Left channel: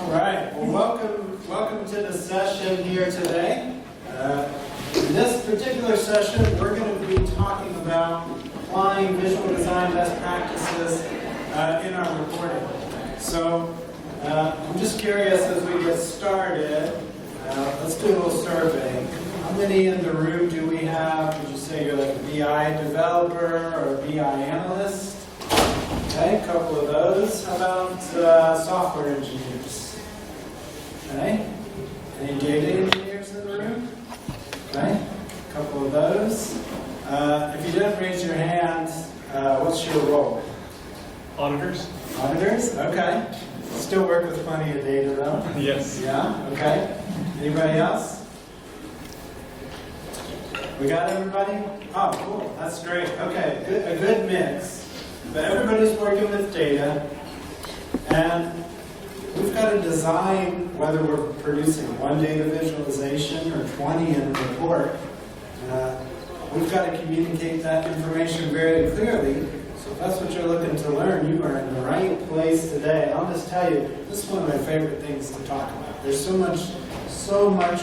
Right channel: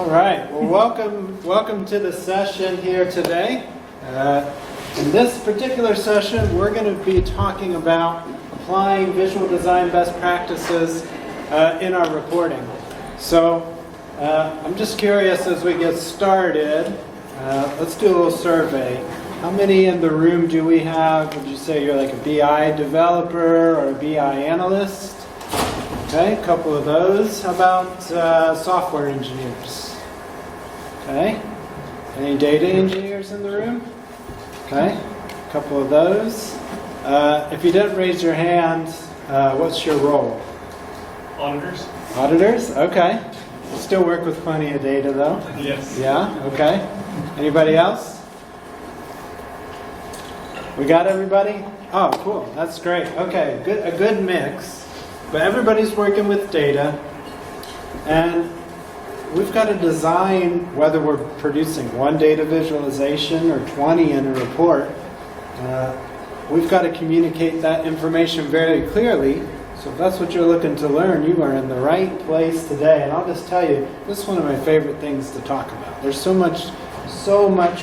All right. Well, welcome to the session here today. In this particular session, we're going to be talking about applying visual design best practices in our reporting. So I'm just curious as we get started, let's do a little survey. How many in the room do we have? Would you say you're like a BI developer or a BI analyst? Okay, a couple of those. How about software engineers? Okay. Any data engineers in the room? Okay, a couple of those. If you didn't raise your hand, what's your role? Auditors. Auditors? Okay. Still work with plenty of data though? Yes. Yeah? Okay. Anybody else? We got everybody? Oh, cool. That's great. Okay, a good mix. But everybody's working with data, and we've got to design, whether we're producing one data visualization or 20 in a report, we've got to communicate that information very clearly. So if that's what you're looking to learn, you are in the right place today. And I'll just tell you, this is one of my favorite things to talk about. There's so much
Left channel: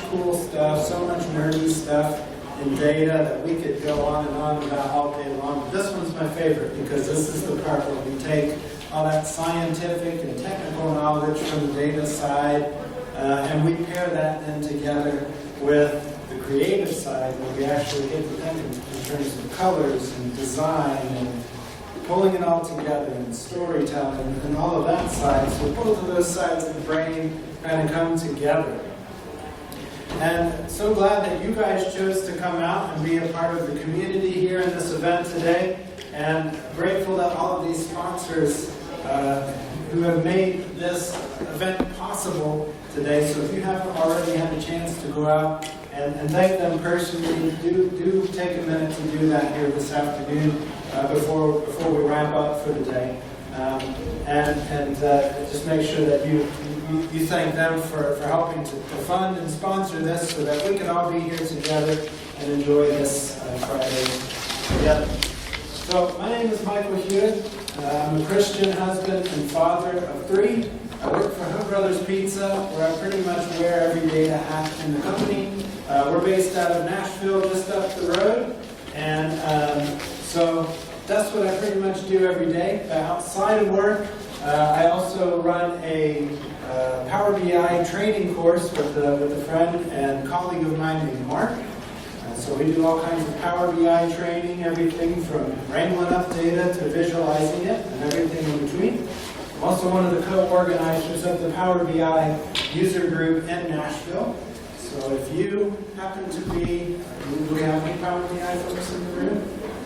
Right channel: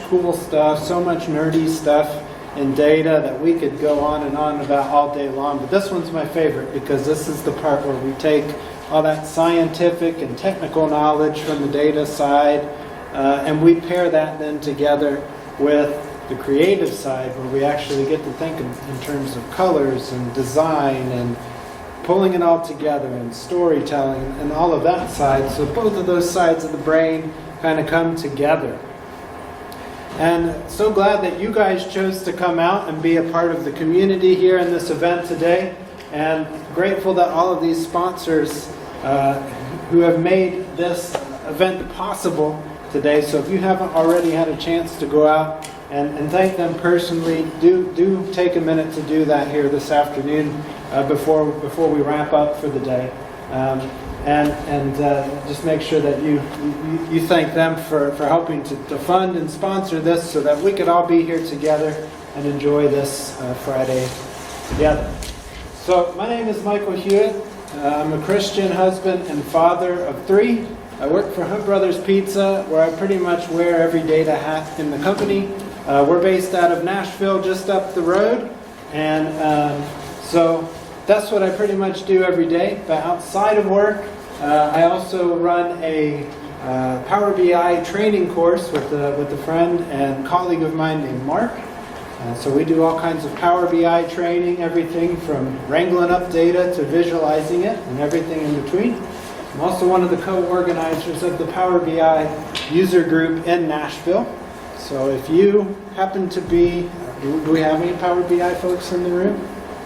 cool stuff, so much nerdy stuff in data that we could go on and on about all day long. But this one's my favorite because this is the part where we take all that scientific and technical knowledge from the data side and we pair that then together with the creative side where we actually get to think in terms of colors and design and pulling it all together and storytelling and all of that side. So both of those sides of the brain kind of come together. And so glad that you guys chose to come out and be a part of the community here in this event today. And grateful that all of these sponsors who have made this event possible today. So if you haven't already had a chance to go out and thank them personally, do take a minute to do that here this afternoon before we wrap up for the day. And just make sure that you thank them for helping to fund and sponsor this so that we could all be here together and enjoy this Friday together. So my name is Michael Hewitt. I'm a Christian husband and father of 3. I work for Hunt Brothers Pizza, where I pretty much wear every data hat in the company. We're based out of Nashville, just up the road. And so that's what I pretty much do every day. But outside of work, I also run a Power BI training course with a friend and colleague of mine named Mark. So we do all kinds of Power BI training, everything from wrangling up data to visualizing it and everything in between. I'm also one of the co-organizers of the Power BI user group in Nashville. So if you happen to be, do we have any Power BI folks in the room?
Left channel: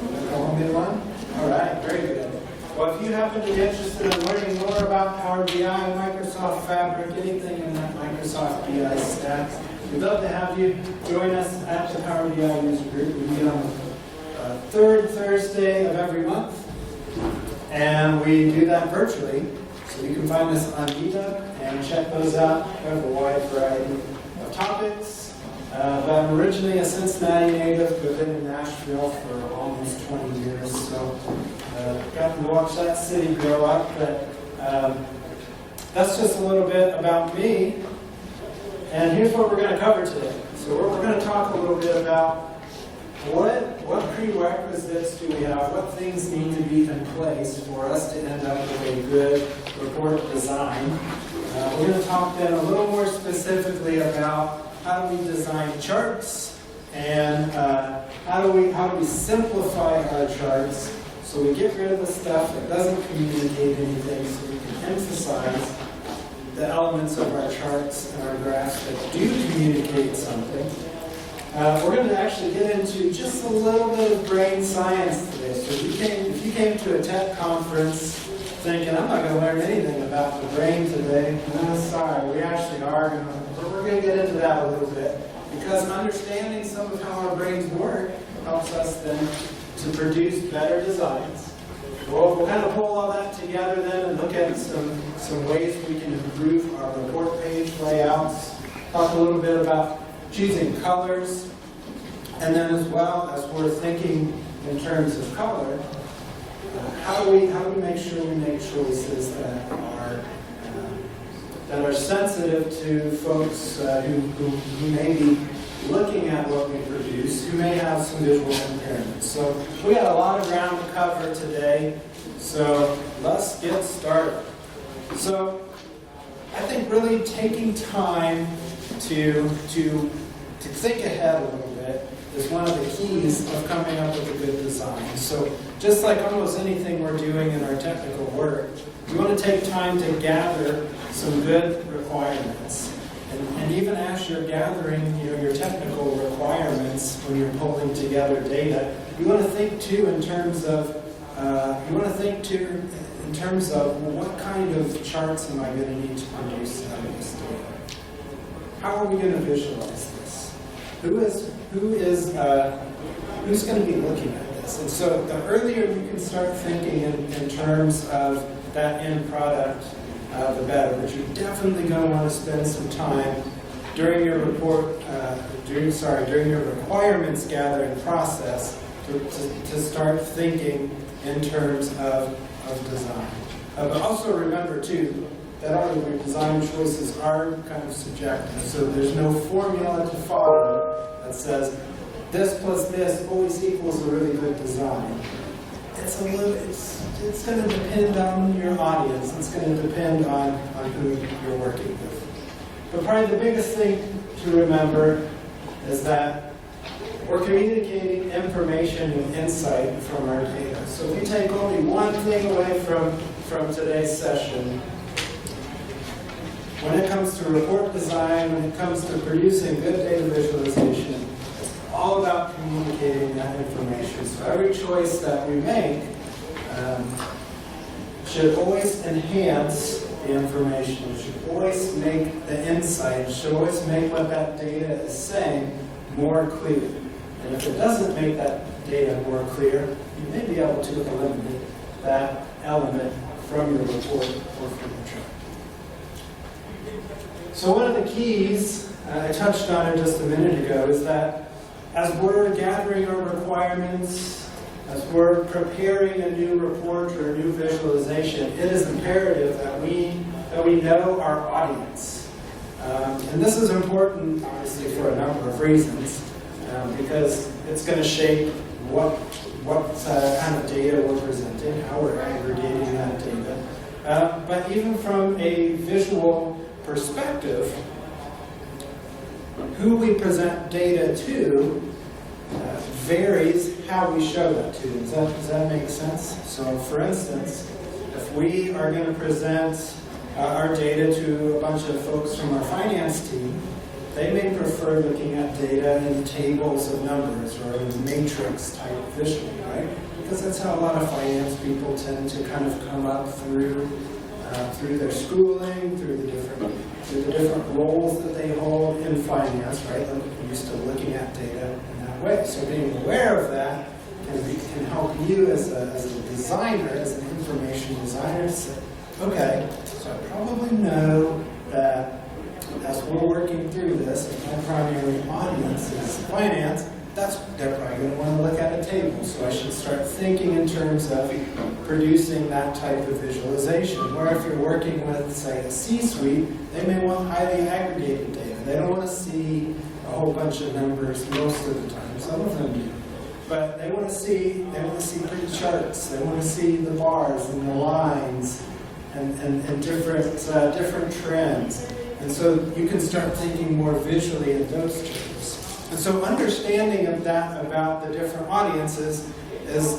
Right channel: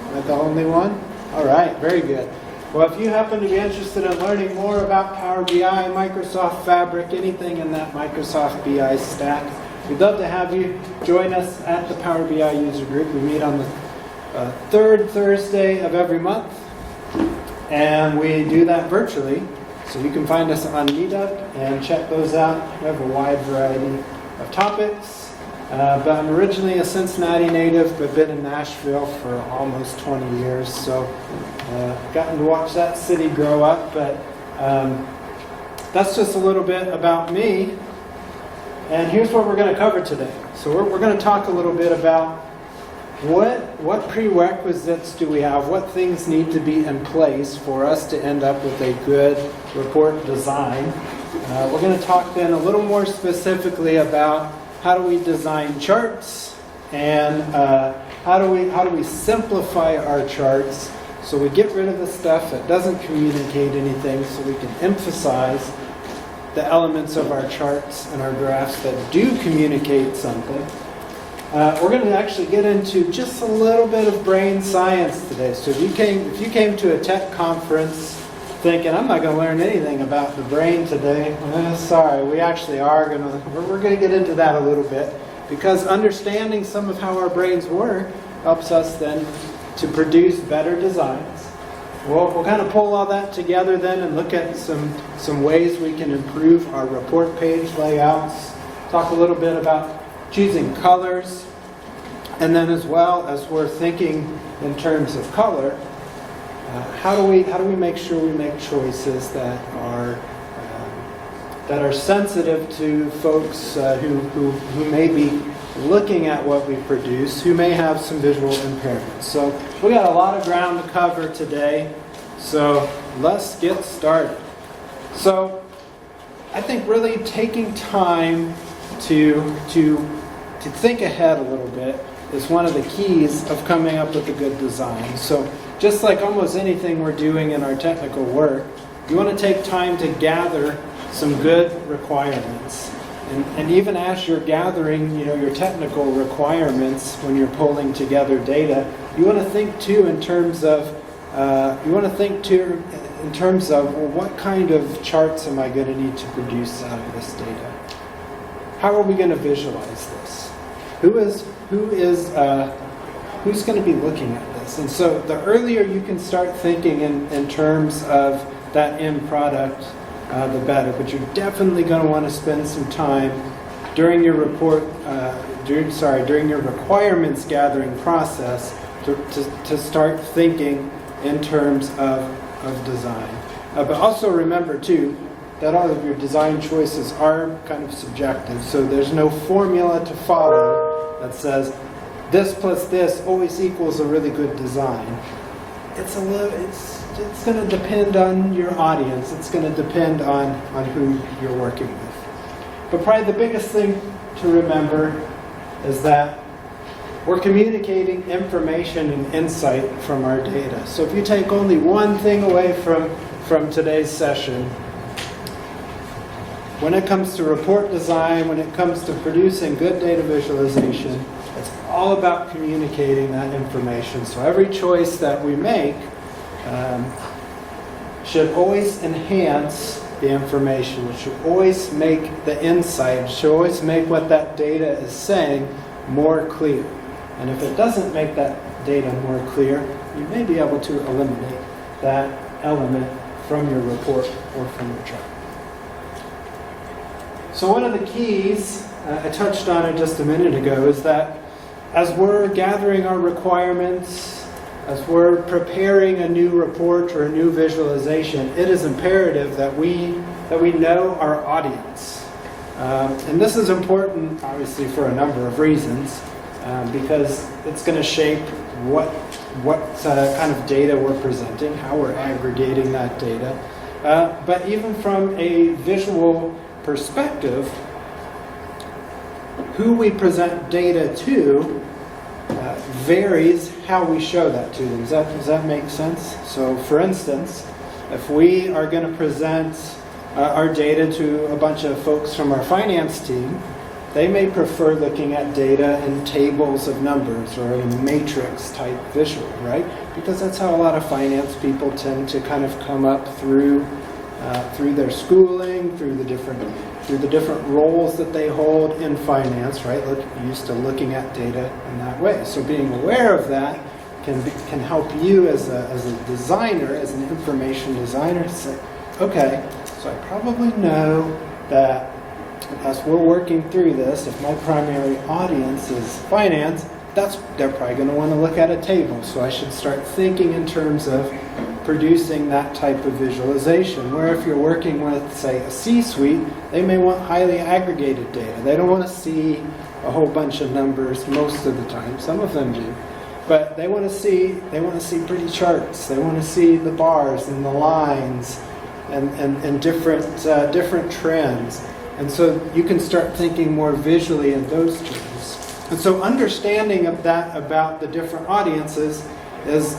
Am I the only one? All right, very good. Well, if you happen to be interested in learning more about Power BI, Microsoft Fabric, anything in that Microsoft BI stack, we'd love to have you join us at the Power BI user group. We meet on the third Thursday of every month, and we do that virtually. So you can find us on Meetup and check those out. We have a wide variety of topics. But I'm originally a Cincinnati native, but been in Nashville for almost 20 years, so gotten to watch that city grow up. But that's just a little bit about me. And here's what we're going to cover today. So we're going to talk a little bit about what prerequisites do we have, what things need to be in place for us to end up with a good report design. We're going to talk then a little more specifically about how do we design charts, and how do we simplify our charts so we get rid of the stuff that doesn't communicate anything, so we can emphasize the elements of our charts and our graphs that do communicate something. We're going to actually get into just a little bit of brain science today. So if you came to a tech conference thinking, I'm not going to learn anything about the brain today, sorry, we actually are we're going to get into that a little bit, because understanding some of how our brains work helps us then to produce better designs. We'll kind of pull all that together then and look at some ways we can improve our report page layouts, talk a little bit about choosing colors, and then as well as we're thinking in terms of color, how do we make sure we make choices that are that are sensitive to folks who may be looking at what we produce, who may have some visual impairments. So we got a lot of ground to cover today, so let's get started. So I think really taking time to think ahead a little bit is one of the keys of coming up with a good design. So just like almost anything we're doing in our technical work, you want to take time to gather some good requirements. And even as you're gathering, your technical requirements when you're pulling together data, you want to think too in terms of well, what kind of charts am I going to need to produce out of this data? How are we going to visualize this? Who's going to be looking at this? And so the earlier you can start thinking in terms of that end product, the better. But you're definitely going to want to spend some time during your during your requirements gathering process to start thinking in terms of design. But also remember too that all of your design choices are kind of subjective. So there's no formula to follow that says this plus this always equals a really good design. It's going to depend on your audience. It's going to depend on who you're working with. But probably the biggest thing to remember is that we're communicating information and insight from our data. So if you take only one thing away from today's session, when it comes to report design, when it comes to producing good data visualization, it's all about communicating that information. So every choice that we make should always enhance the information. It should always make the insight, it should always make what that data is saying more clear. And if it doesn't make that data more clear, you may be able to eliminate that element from your report or from your chart. So one of the keys, I touched on it just a minute ago, is that as we're gathering our requirements, as we're preparing a new report or a new visualization, it is imperative that we know our audience. And this is important, obviously, for a number of reasons, because it's going to shape what kind of data we're presenting, how we're aggregating that data. But even from a visual perspective, who we present data to varies how we show that to them. Does that make sense? So for instance, if we are going to present our data to a bunch of folks from our finance team, they may prefer looking at data in tables of numbers or a matrix type visual, right? Because that's how a lot of finance people tend to kind of come up through their schooling, through the different roles that they hold in finance, right? Used to looking at data in that way. So being aware of that can help you as a designer, as an information designer, to say, okay, so I probably know that as we're working through this, if my primary audience is finance, they're probably going to want to look at a table. So I should start thinking in terms of producing that type of visualization. Where if you're working with, say, a C-suite, they may want highly aggregated data. They don't want to see a whole bunch of numbers most of the time. Some of them do. But they want to see pretty charts. They want to see the bars and the lines and different trends. And so you can start thinking more visually in those terms. And so understanding of that about the different audiences is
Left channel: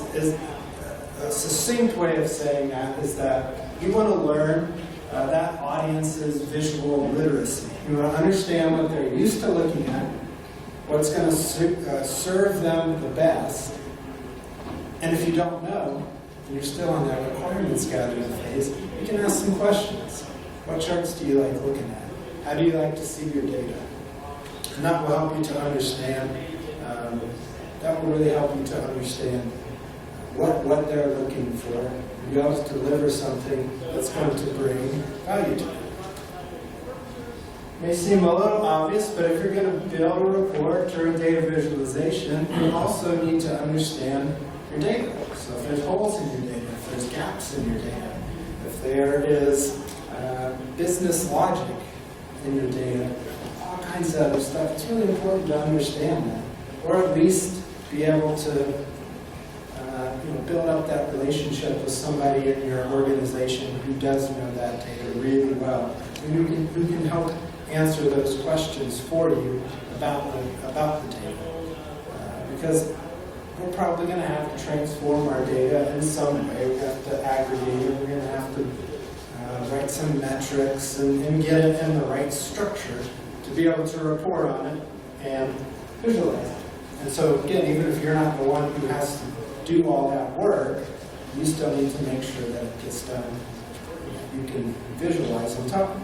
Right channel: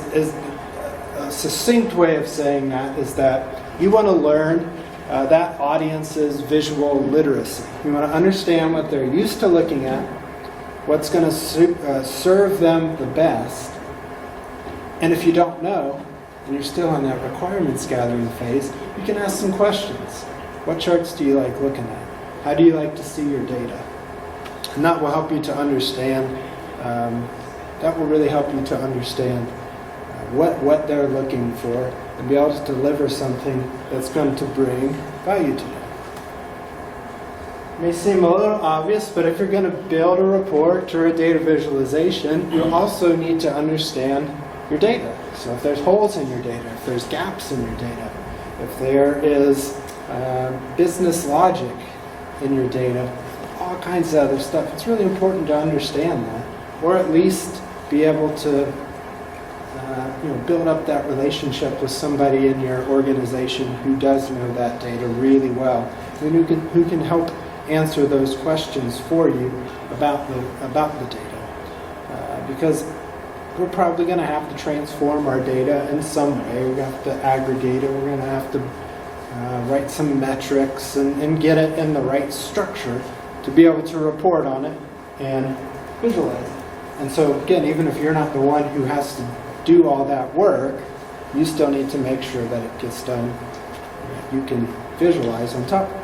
a succinct way of saying that is that you want to learn that audience's visual literacy. You want to understand what they're used to looking at, what's going to serve them the best. And if you don't know, and you're still in that requirements gathering phase, you can ask some questions. What charts do you like looking at? How do you like to see your data? And that will help you to understand, that will really help you to understand what they're looking for and be able to deliver something that's going to bring value to them. It may seem a little obvious, but if you're going to build a report or a data visualization, you also need to understand your data. So if there's holes in your data, if there's gaps in your data, if there is business logic in your data, all kinds of other stuff. It's really important to understand that, or at least be able to build up that relationship with somebody in your organization who does know that data really well, and who can help answer those questions for you about the data. Because we're probably going to have to transform our data in some way. We have to aggregate it. We're going to have to write some metrics and get it in the right structure to be able to report on it and visualize it. And so again, even if you're not the one who has to do all that work, you still need to make sure that it gets done. You can visualize on top of it.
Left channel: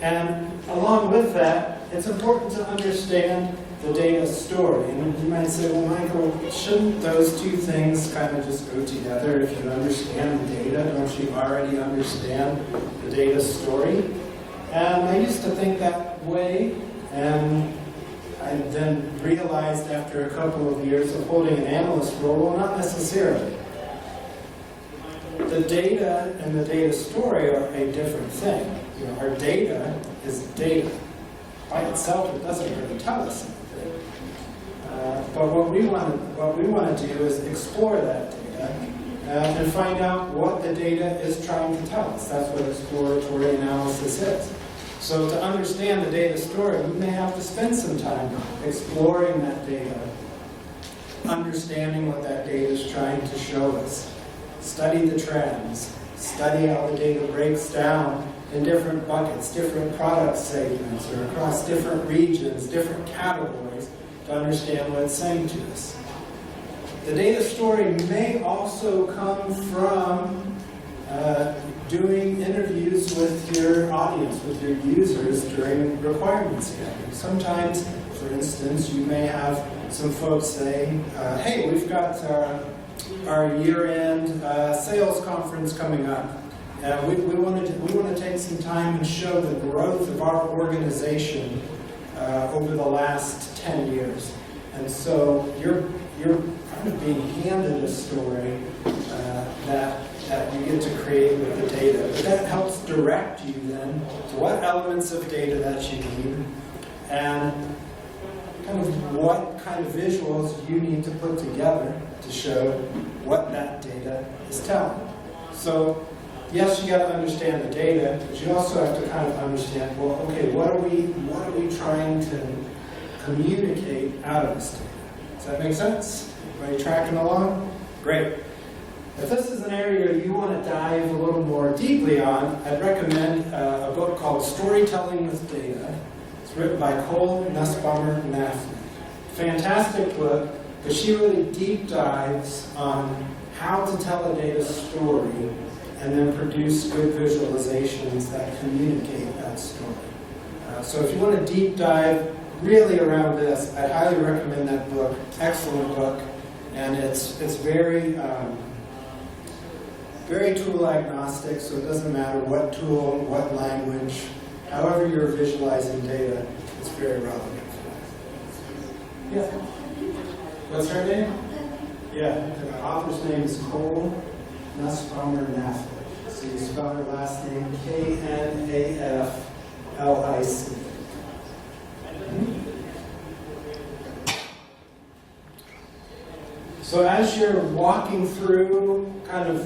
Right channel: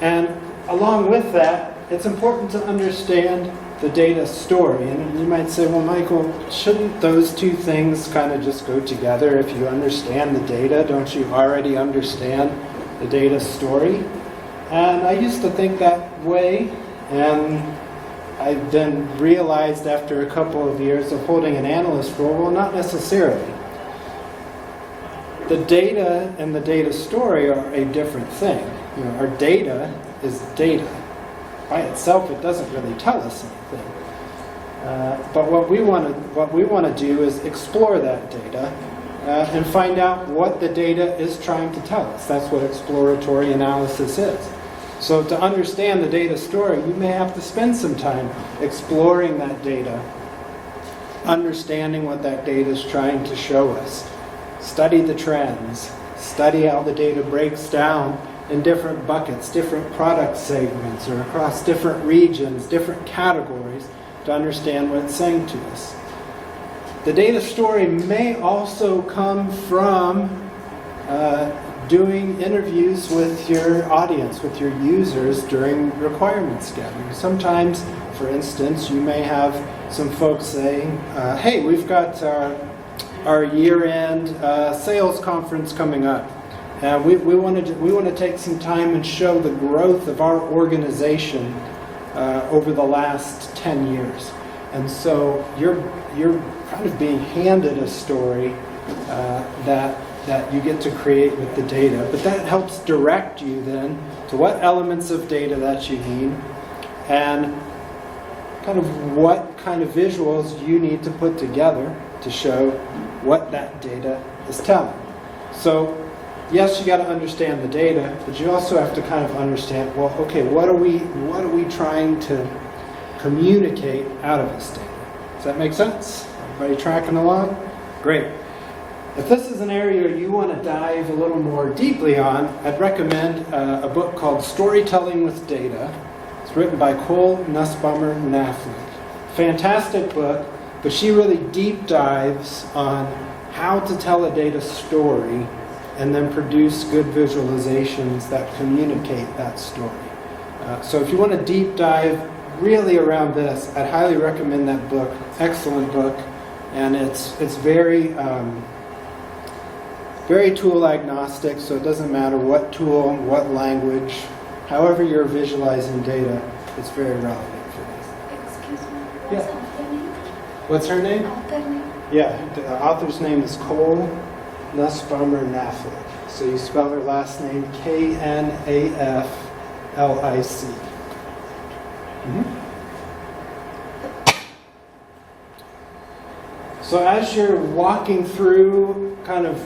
And along with that, it's important to understand the data story. And you might say, well, Michael, shouldn't those two things kind of just go together? If you understand the data, don't you already understand the data story? And I used to think that way, and I then realized after a couple of years of holding an analyst role, well, not necessarily. The data and the data story are a different thing. Our data is data. By itself, it doesn't really tell us anything. But what we want to do is explore that data and find out what the data is trying to tell us. That's what exploratory analysis is. So to understand the data story, you may have to spend some time exploring that data, understanding what that data is trying to show us. Study the trends. Study how the data breaks down in different buckets, different product segments, or across different regions, different categories, to understand what it's saying to us. The data story may also come from doing interviews with your audience, with your users during requirements gathering. Sometimes, for instance, you may have some folks saying, hey, we've got our year-end sales conference coming up. We want to take some time and show the growth of our organization over the last 10 years. And so you're kind of being handed a story that you get to create with the data. But that helps direct you then to what elements of data that you need and kind of what kind of visuals you need to put together to show what that data is telling. So yes, you got to understand the data, but you also have to kind of understand, well, okay, what are we trying to communicate out of this data? Does that make sense? Everybody tracking along? Great. If this is an area you want to dive a little more deeply on, I'd recommend a book called Storytelling with Data. It's written by Cole Nussbaumer-Knaflic. Fantastic book, but she really deep dives on how to tell a data story and then produce good visualizations that communicate that story. So if you want to deep dive really around this, I'd highly recommend that book. Excellent book, and it's very very tool agnostic, so it doesn't matter what tool, what language, however you're visualizing data, it's very relevant for that. Excuse me. Yeah. What's her name? Yeah, the author's name is Cole Nussbaumer-Knaflic. So you spell her last name Knaflic. So as you're walking through, kind of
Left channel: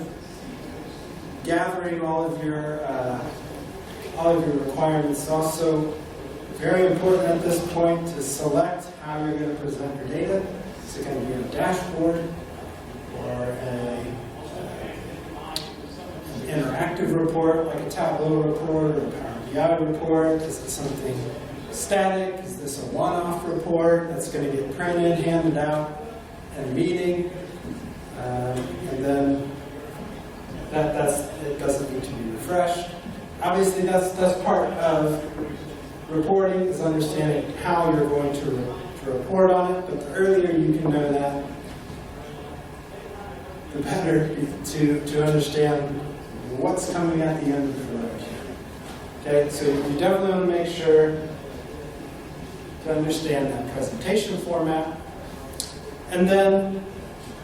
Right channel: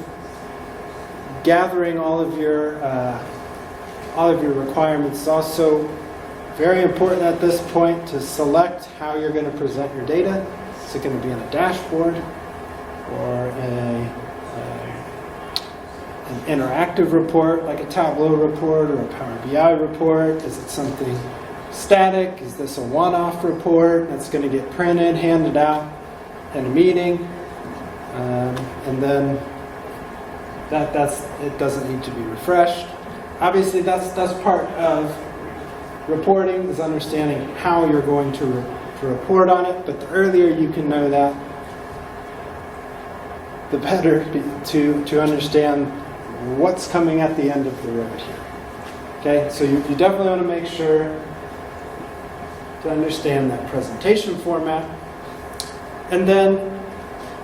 gathering all of your requirements, it's also very important at this point to select how you're going to present your data. Is it going to be in a dashboard or an interactive report like a Tableau report or a Power BI report? Is it something static? Is this a one-off report that's going to get printed, handed out in a meeting? And then it doesn't need to be refreshed. Obviously, that's part of reporting, is understanding how you're going to report on it. But the earlier you can know that, the better to understand what's coming at the end of the road here. Okay, so you definitely want to make sure to understand that presentation format. And then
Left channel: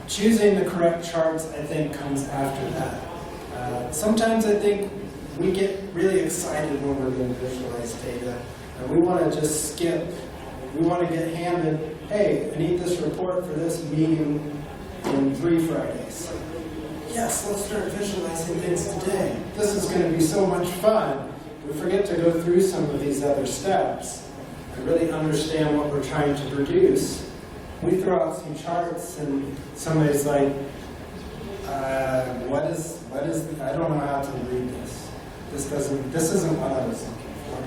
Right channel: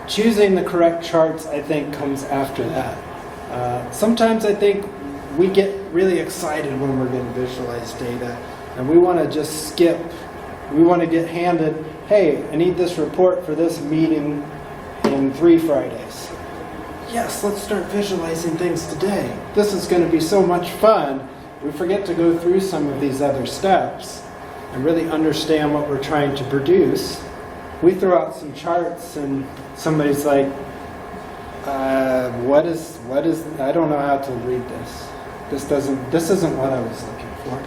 choosing the correct charts, I think, comes after that. Sometimes I think we get really excited when we're going to visualize data, and we want to just skip. We want to get handed, hey, I need this report for this meeting in 3 Fridays. Yes, let's start visualizing things today. This is going to be so much fun. We forget to go through some of these other steps and really understand what we're trying to produce. We throw out some charts and somebody's like, what is, I don't know how to read this. This isn't what I was looking for.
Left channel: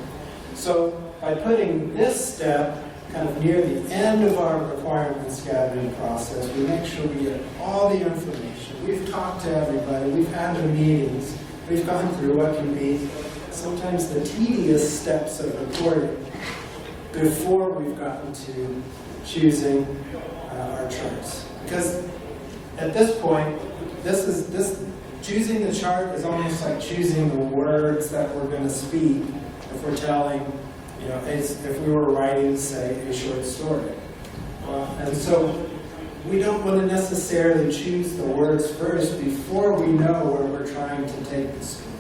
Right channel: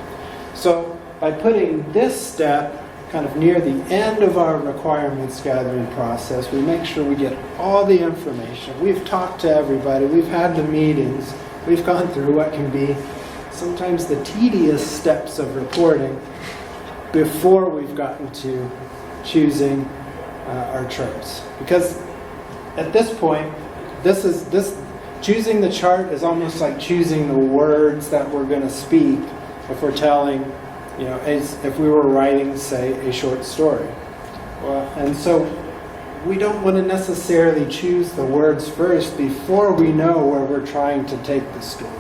So by putting this step kind of near the end of our requirements gathering process, we make sure we get all the information. We've talked to everybody, we've had the meetings, we've gone through what can be sometimes the tedious steps of reporting before we've gotten to choosing our charts. Because at this point, choosing the chart is almost like choosing the words that we're going to speak if we're telling, if we were writing, say, a short story. And so we don't want to necessarily choose the words first before we know where we're trying to take the story.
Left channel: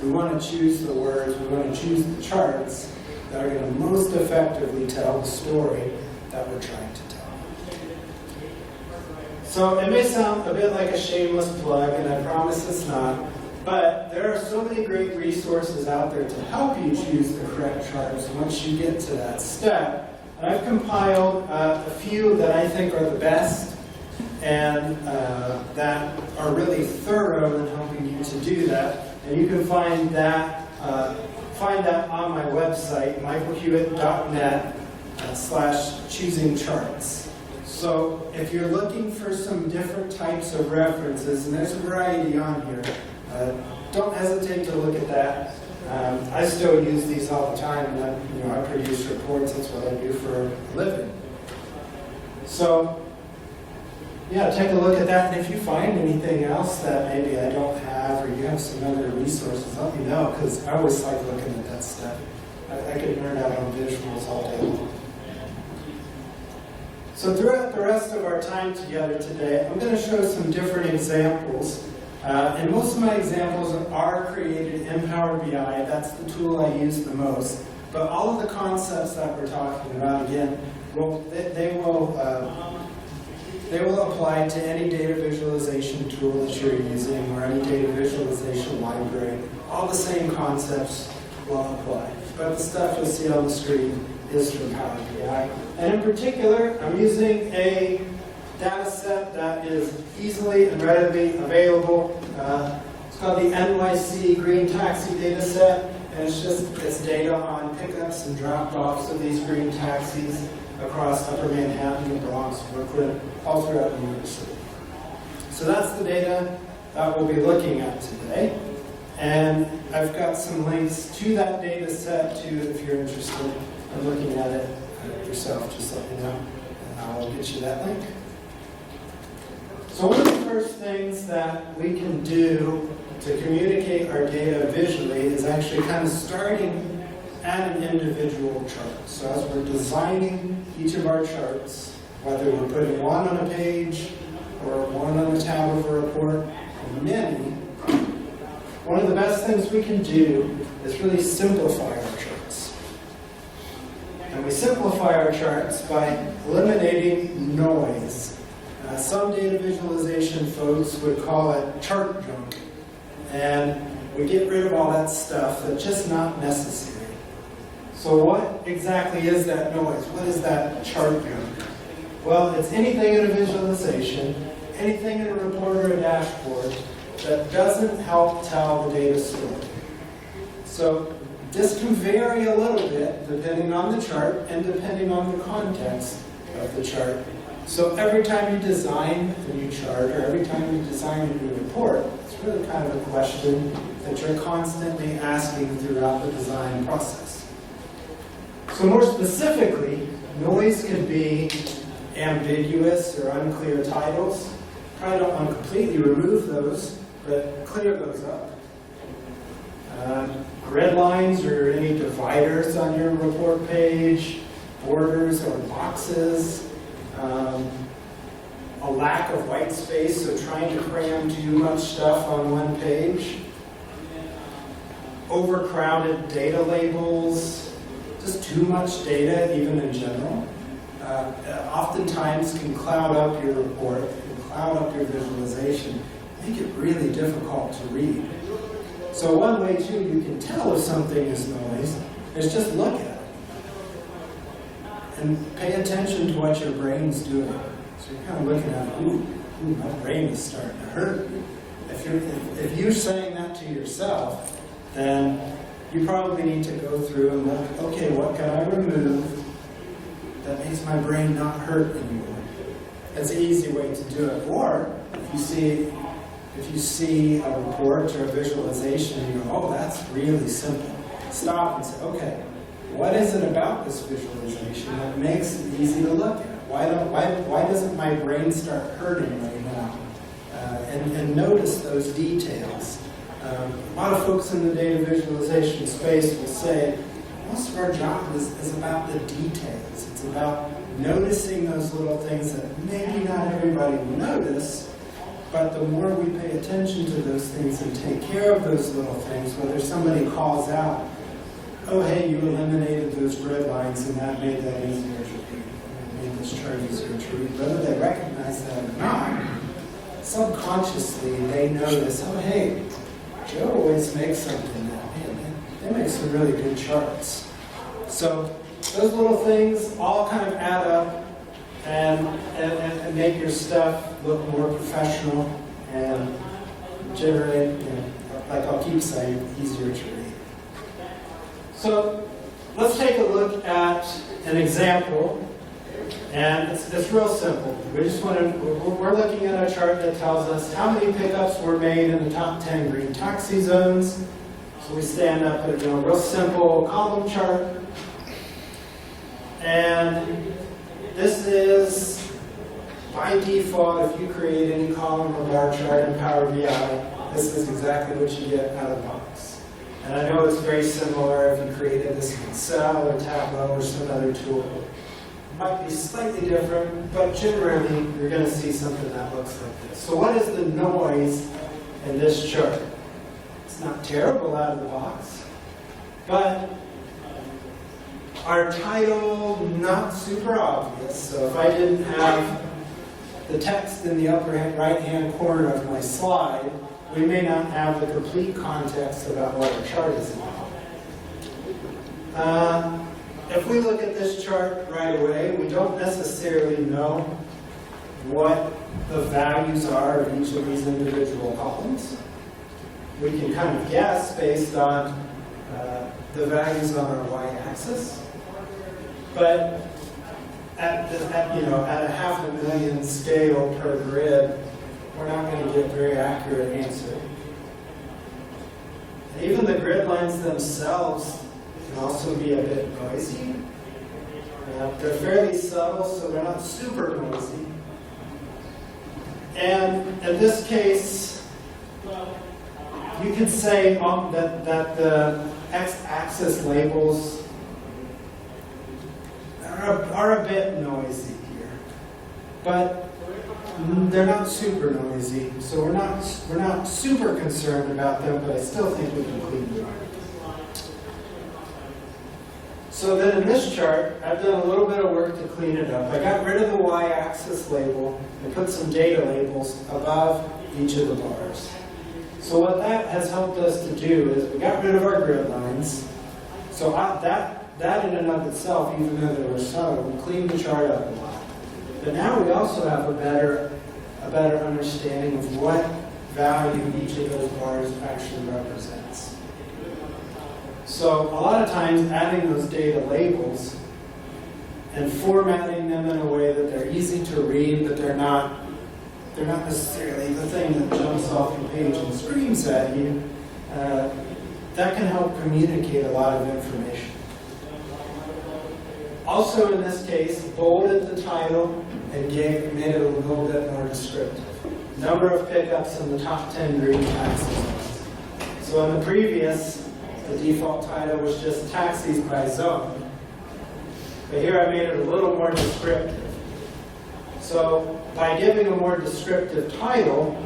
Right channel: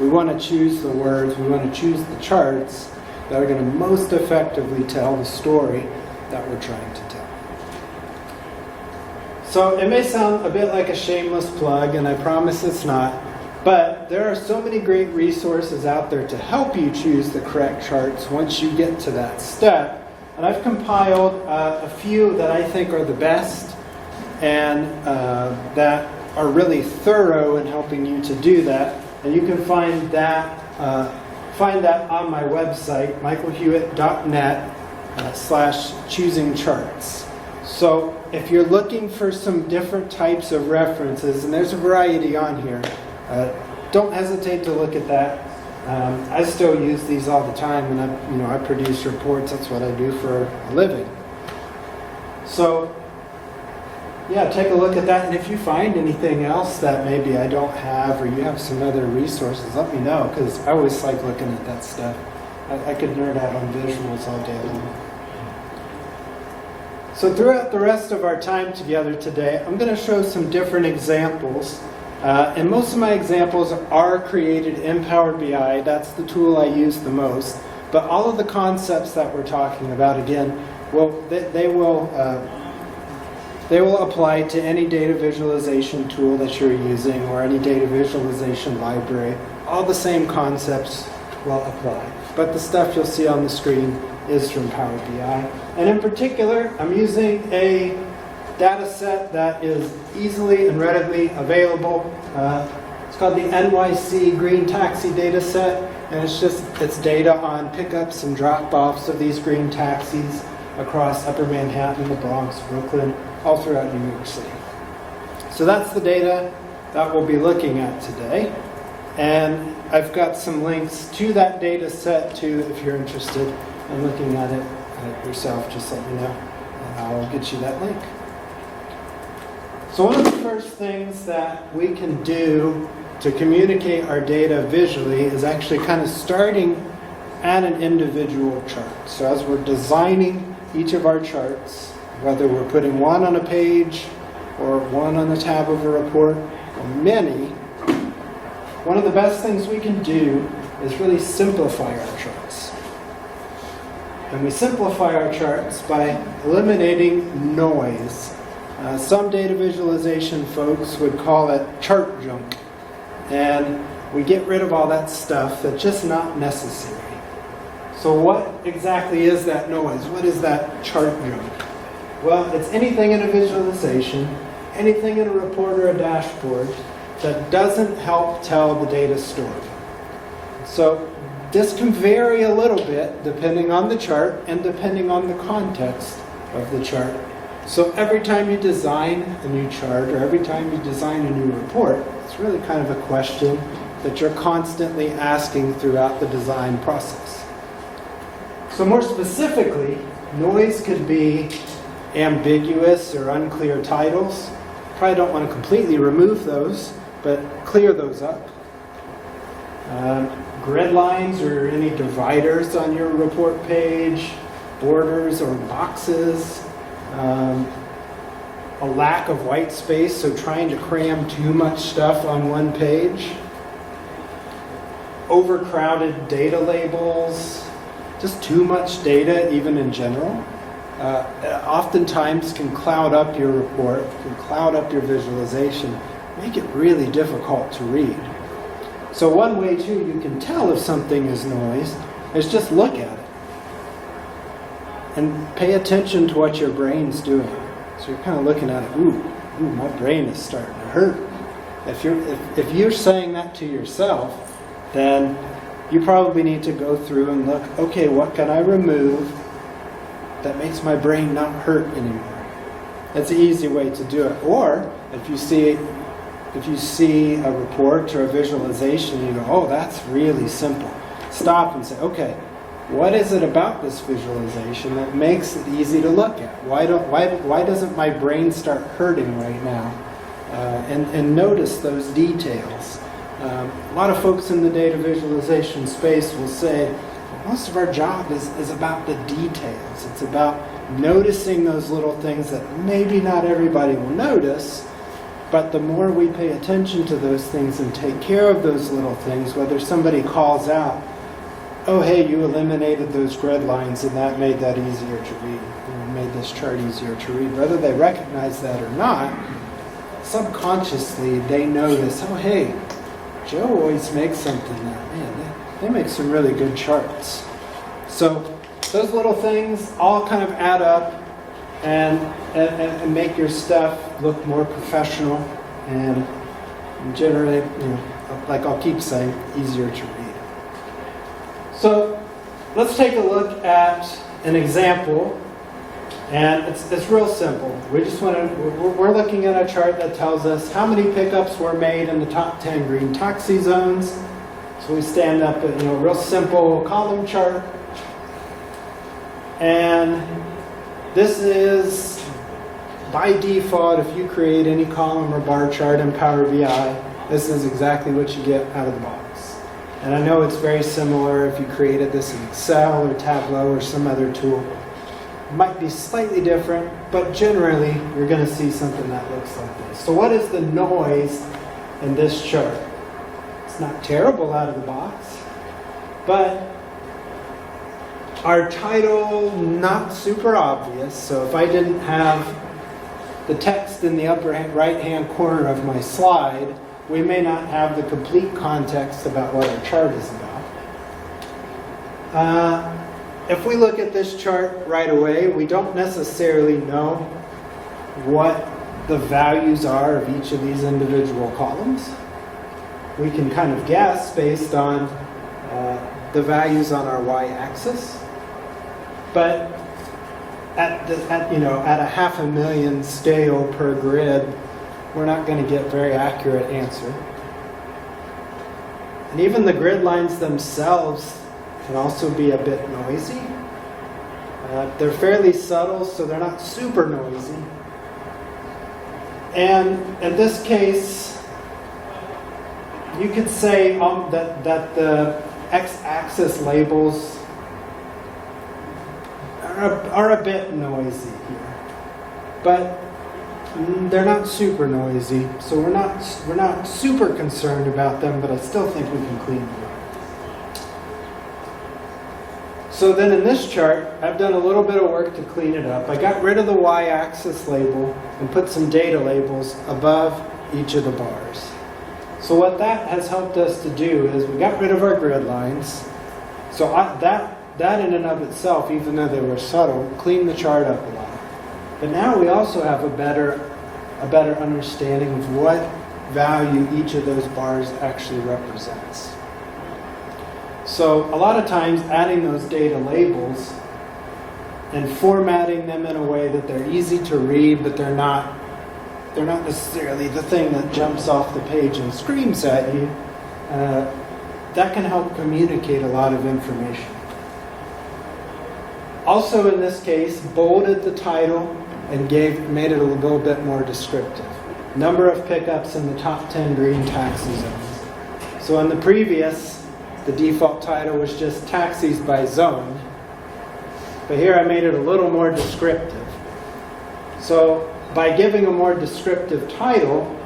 We want to choose the words, we want to choose the charts that are going to most effectively tell the story that we're trying to tell. So it may sound a bit like a shameless plug, and I promise it's not, but there are so many great resources out there to help you choose the correct charts once you get to that step. And I've compiled a few that I think are the best and that are really thorough in helping you to do that. And you can find that on my website, michaelhewitt.net/choosing charts. So if you're looking for some different types of references, and there's a variety on here, don't hesitate to look at that. I still use these all the time, and I produce reports. That's what I do for a living. So yeah, take a look at that, and if you find anything else that maybe I don't have, or you have some other resources, let me know, because I always like looking at that stuff. I could nerd out on visuals all day long. So throughout the rest of our time together today, I'm going to show some different examples. And most of my examples are created in Power BI. That's the tool I use the most. But all of the concepts that we're talking about, again, they will apply to any data visualization tool that you're using or any data visualization library. All the same concepts will apply. But the stuff you'll see on the screen is from Power BI. And in particular, I'm using a data set that is easily and readily available. It's called the NYC Green Taxi data set, and it's data on pickups and drop-offs of these green taxis across Upper Manhattan, the Bronx, Brooklyn, all throughout New York City. So that's the data that we'll be looking at today. And I've got some links to that data set too, if you're interested in looking at it yourself. Just let me know, and I'll get you that link. So one of the first things that we can do to communicate our data visually is actually kind of starting at an individual chart. So as we're designing each of our charts, whether we're putting one on a page or one on the tab of a report, or many, one of the best things we can do is really simplify our charts. And we simplify our charts by eliminating noise. Some data visualization folks would call it chart junk. And we get rid of all that stuff that's just not necessary. So what exactly is that noise? What is that chart junk? Well, it's anything in a visualization, anything in a report or a dashboard that doesn't help tell the data story. So this can vary a little bit depending on the chart and depending on the context of the chart. So every time you design a new chart or every time you design a new report, it's really kind of a question that you're constantly asking throughout the design process. So more specifically, noise could be ambiguous or unclear titles. Probably don't want to completely remove those, but clear those up. Grid lines or any dividers on your report page, borders or boxes. a lack of white space, so trying to cram too much stuff on one page. Overcrowded data labels, just too much data even in general. Oftentimes can cloud up your report, can cloud up your visualization, make it really difficult to read. So one way too you can tell if something is noise is just look at it and pay attention to what your brain's doing. So you're kind of looking at it, ooh, my brain is starting to hurt. If you're saying that to yourself, then you probably need to go through and look, okay, what can I remove that makes my brain not hurt anymore? That's an easy way to do it. Or if you see a report or a visualization, you go, oh, that's really simple. Stop and say, okay, what is it about this visualization that makes it easy to look at? Why doesn't my brain start hurting right now? And notice those details. A lot of folks in the data visualization space will say, most of our job is about the details. It's about noticing those little things that maybe not everybody will notice, but the more we pay attention to those things and take care of those little things, whether somebody calls out, oh, hey, you eliminated those grid lines and that made that easier to read, or made this chart easier to read, whether they recognize that or not, subconsciously they notice, oh, hey, Joe always makes something that, man, they make some really good charts. So those little things all kind of add up and make your stuff look more professional and generally, like I'll keep saying, easier to read. So let's take a look at an example, and it's real simple. We're looking at a chart that tells us how many pickups were made in the top 10 green taxi zones. So we stand up at a real simple column chart, and this is by default. If you create any column or bar chart in Power BI, this is exactly what you get out of the box. And I know it's very similar if you created this in Excel or Tableau or some other tool. It might be slightly different, but generally you're going to see something that looks like this. So what is the noise in this chart? It's not terrible out of the box, but our title, not super obvious. So if I didn't have the text in the upper right-hand corner of my slide, we may not have the complete context about what our chart is about. If we look at this chart right away, we don't necessarily know what the values are of each of these individual columns. We can kind of guess based on the values on our y-axis. But at a 500,000 scale per grid, we're not going to get a very accurate answer. And even the grid lines themselves can also be a bit noisy. They're fairly subtle, so they're not super noisy. And in this case, you could say that the x-axis labels are a bit noisy here, but they're not super noisy, so we're not super concerned about them, but I still think we can clean them up. So then in this chart, I've done a little bit of work to clean it up. I got rid of the y-axis label and put some data labels above each of the bars. So what that has helped us to do is we got rid of our grid lines. So that in and of itself, even though they were subtle, cleaned the chart up a lot. But now we also have a better understanding of what value each of those bars actually represents. So a lot of times adding those data labels and formatting them in a way that they're easy to read, but they're not necessarily the thing that jumps off the page and screams at you, that can help communicate a lot of information. Also in this case, bolded the title and made it a little bit more descriptive. Number of pickups in the top 10 green taxi zones. So in the previous, the default title was just taxis by zone. But here I made it a little more descriptive. So by giving a more descriptive title,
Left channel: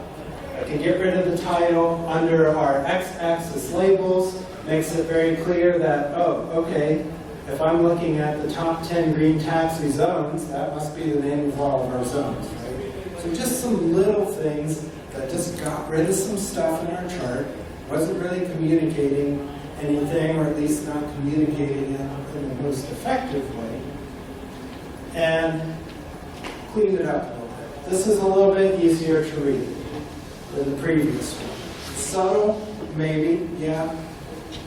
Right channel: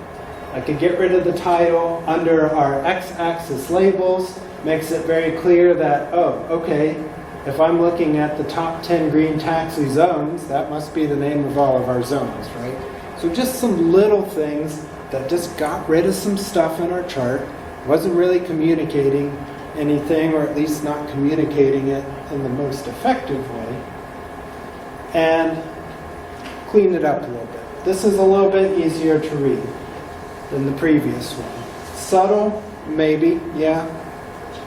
I could get rid of the title under our x-axis labels, makes it very clear that, oh, okay, if I'm looking at the top 10 green taxi zones, that must be the name of all of our zones, right? So just some little things that just got rid of some stuff in our chart, wasn't really communicating anything, or at least not communicating it in the most effective way, and cleaned it up a little bit. This is a little bit easier to read than the previous one. Subtle, maybe, yeah,